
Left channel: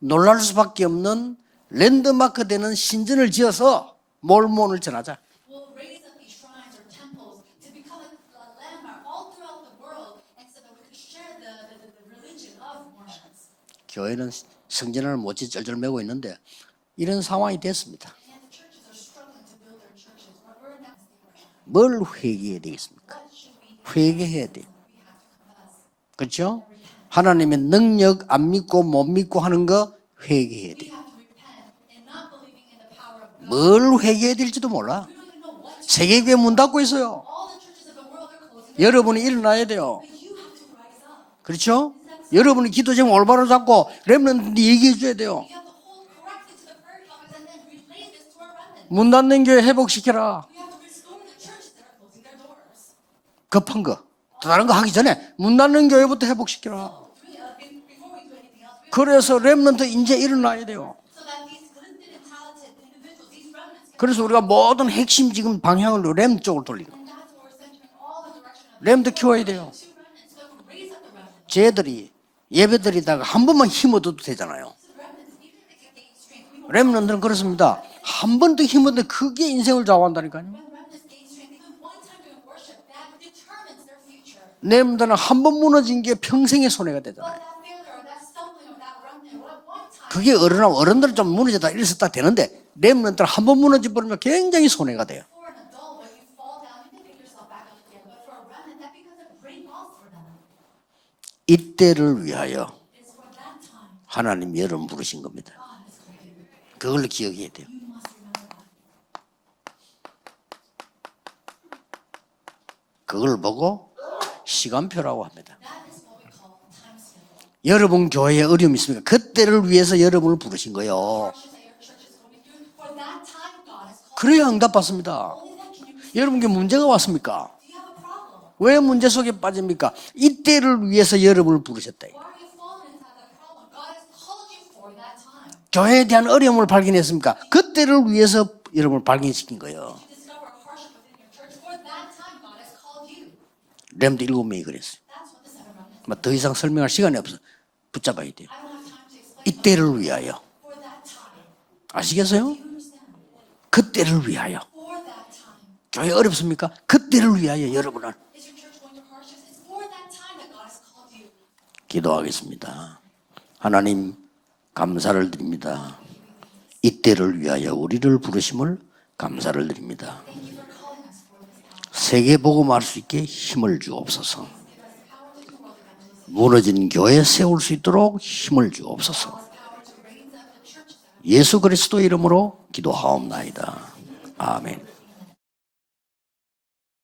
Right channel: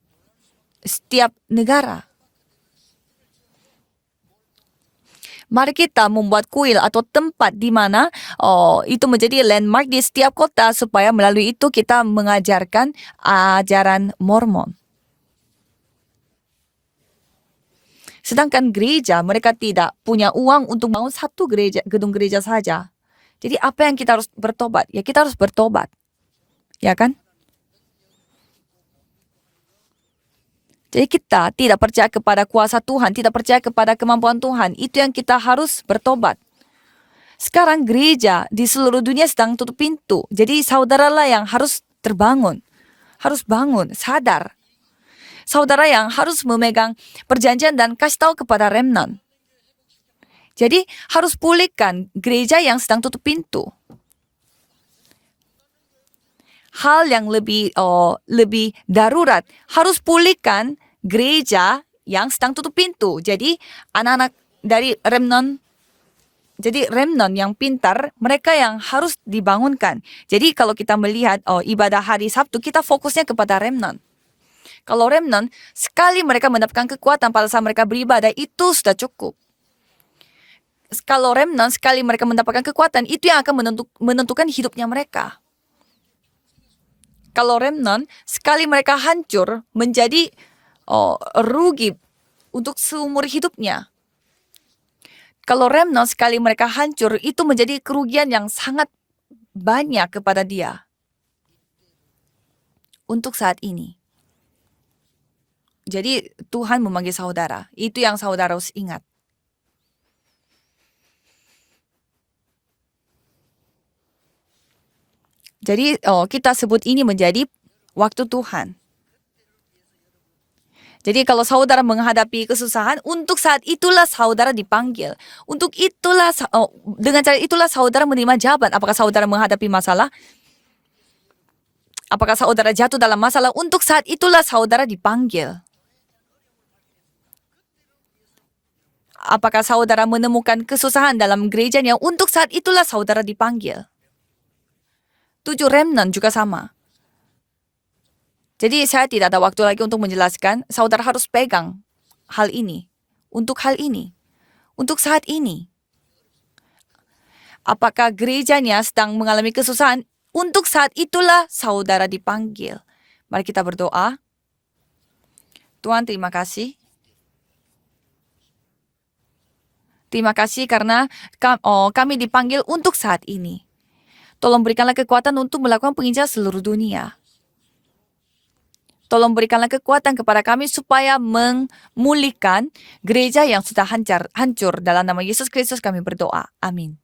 놀랄 수밖에 없는 negara. 랜드마크 되는 신전을 지어서 몰몬을 전하자. Mari kita membuat kuil atau tempat di mana itu menjadi landmark di setiap kota supaya melalui itu kita mengajarkan ajaran Mormon. 성전을 못지 쩔쩔매고 있는데 이런 상황이 됐습니다. Sedangkan gereja mereka tidak punya uang untuk bangun satu gereja, gedung gereja saja. Jadi apa yang kita harus bertobat? Ya kita harus bertobat, 그렇죠? ya kan? 하나님의 능력 안 믿고 못 믿고 하는 거 회개해야 돼요. Jadi kita tidak percaya kepada kuasa Tuhan, tidak percaya kepada kemampuan Tuhan. Itu yang kita harus bertobat. 세계교회 문 닫고 있어요. Sekarang gereja di seluruh dunia sedang tutup pintu. Jadi saudaralah yang harus terbangun. 여러분이 기도 제목 올바로 harus 잡고 bangun, sadar. 렘넌트 얘기해 줘야 돼요. Saudara yang harus memegang perjanjian dan kasih tahu kepada 문 remnant. 닫는 교회 회복시켜라. Jadi harus pulihkan gereja yang sedang tutup pintu. 급한 거. 다른 거 하기 전에 문 닫는 교회부터 회복시켜라. Hal yang lebih 그래서 darurat remnant harus 이제 pulihkan 일어나야 돼요. gereja yang sedang tutup pintu. Jadi 그래서 anak-anak 우리가 모든 dari 핵심 remnant, 지금 방향을 렘 쪽으로 jadi remnant yang pintar, mereka yang remnant harus 키워야 돼요. dibangunkan. Jadi kalau kita melihat 쟤들이 ibadah hari Sabtu, kita fokusnya 예배드리다가 한 kepada 번만 remnant. 힘 얻어도 되잖아요. Kalau remnant, sekali mereka mendapatkan 렘넌트는 kekuatan pada saat mereka beribadah, 한 번도 itu 힘 sudah 얻어 cukup. 크게 인생을 좌우한다니까요. Kalau remnant, sekali mereka mendapatkan kekuatan, itu yang akan menentukan hidupnya 렘넌트는 mereka. 한 번 무너진 게 평생의 손해가 되잖아요. Kalau remnant, sekali mereka hancur, menjadi 그게 어른들은 좀 무너졌다 rugi 있었다 되는데 untuk 렘넌트는 seumur 한 번 hidupnya. 무너져 버리면 굉장히 손해가 돼요. Kalau remnant sekali mereka hancur, itu menjadi kerugian yang sangat banyak kepada dia. 이때를 위하여 Untuk saat ini. 하나님 여러분 부르신 겁니다. Jadi Tuhan 그걸 memanggil 기억해야 saudara. Itu yang saudara harus ingat. 그걸 보고 시간표라고 합니다. Jadi kita sebut ini menjadi 여러분 waktu 교회에 Tuhan. 어려움이 있습니까? 그때를 위해서 여러분을 부르신 거예요. Jadi kalau saudara menghadapi kesusahan, untuk saat itulah saudara 그래야 dipanggil. 응답받습니다. Untuk itulah 여러분께 문제가 왔습니까? dengan cara itulah saudara menerima jabat. 왜 Apakah 문제 saudara 속에 menghadapi 빠집니까? masalah? 이때를 위해서 여러분을 부르셨다. Apakah saudara jatuh dalam masalah? Untuk saat itulah saudara dipanggil. 교회에 대한 어려움을 발견했습니까? 그때를 위해서 여러분을 발견했습니다. Apakah saudara menemukan kesusahan dalam gerejanya? Untuk saat itulah saudara dipanggil. 렘도 7명이 그랬어요. 7 remnant juga 더 이상 sama. 설명할 시간이 없어. 붙잡아야 돼요. Jadi saya tidak ada waktu lagi 이때를 untuk 위하여. menjelaskan. Saudara harus pegang 아시겠어요? hal ini. Untuk hal ini. 그때를 위하여. Untuk saat ini. 교회 어렵습니까? 그때를 위하여 Apakah 여러분. gerejanya sedang mengalami kesusahan? Untuk saat itulah saudara dipanggil. Mari kita 하나님 berdoa. 감사를 드립니다. Tuhan, terima kasih. 이때를 위하여 우리를 부르심을 감사를 드립니다. Terima kasih karena kami dipanggil 세계복음할 untuk 수 saat 있게 ini. 힘을 주옵소서. Tolong berikanlah kekuatan untuk melakukan penginjilan seluruh 무너진 dunia. 교회 세울 수 있도록 힘을 주옵소서. Tolong berikanlah kekuatan kepada kami supaya 예수 그리스도 이름으로 memulihkan 기도하옵나이다. gereja yang sudah hancur. Dalam nama Yesus Kristus kami berdoa. Amin.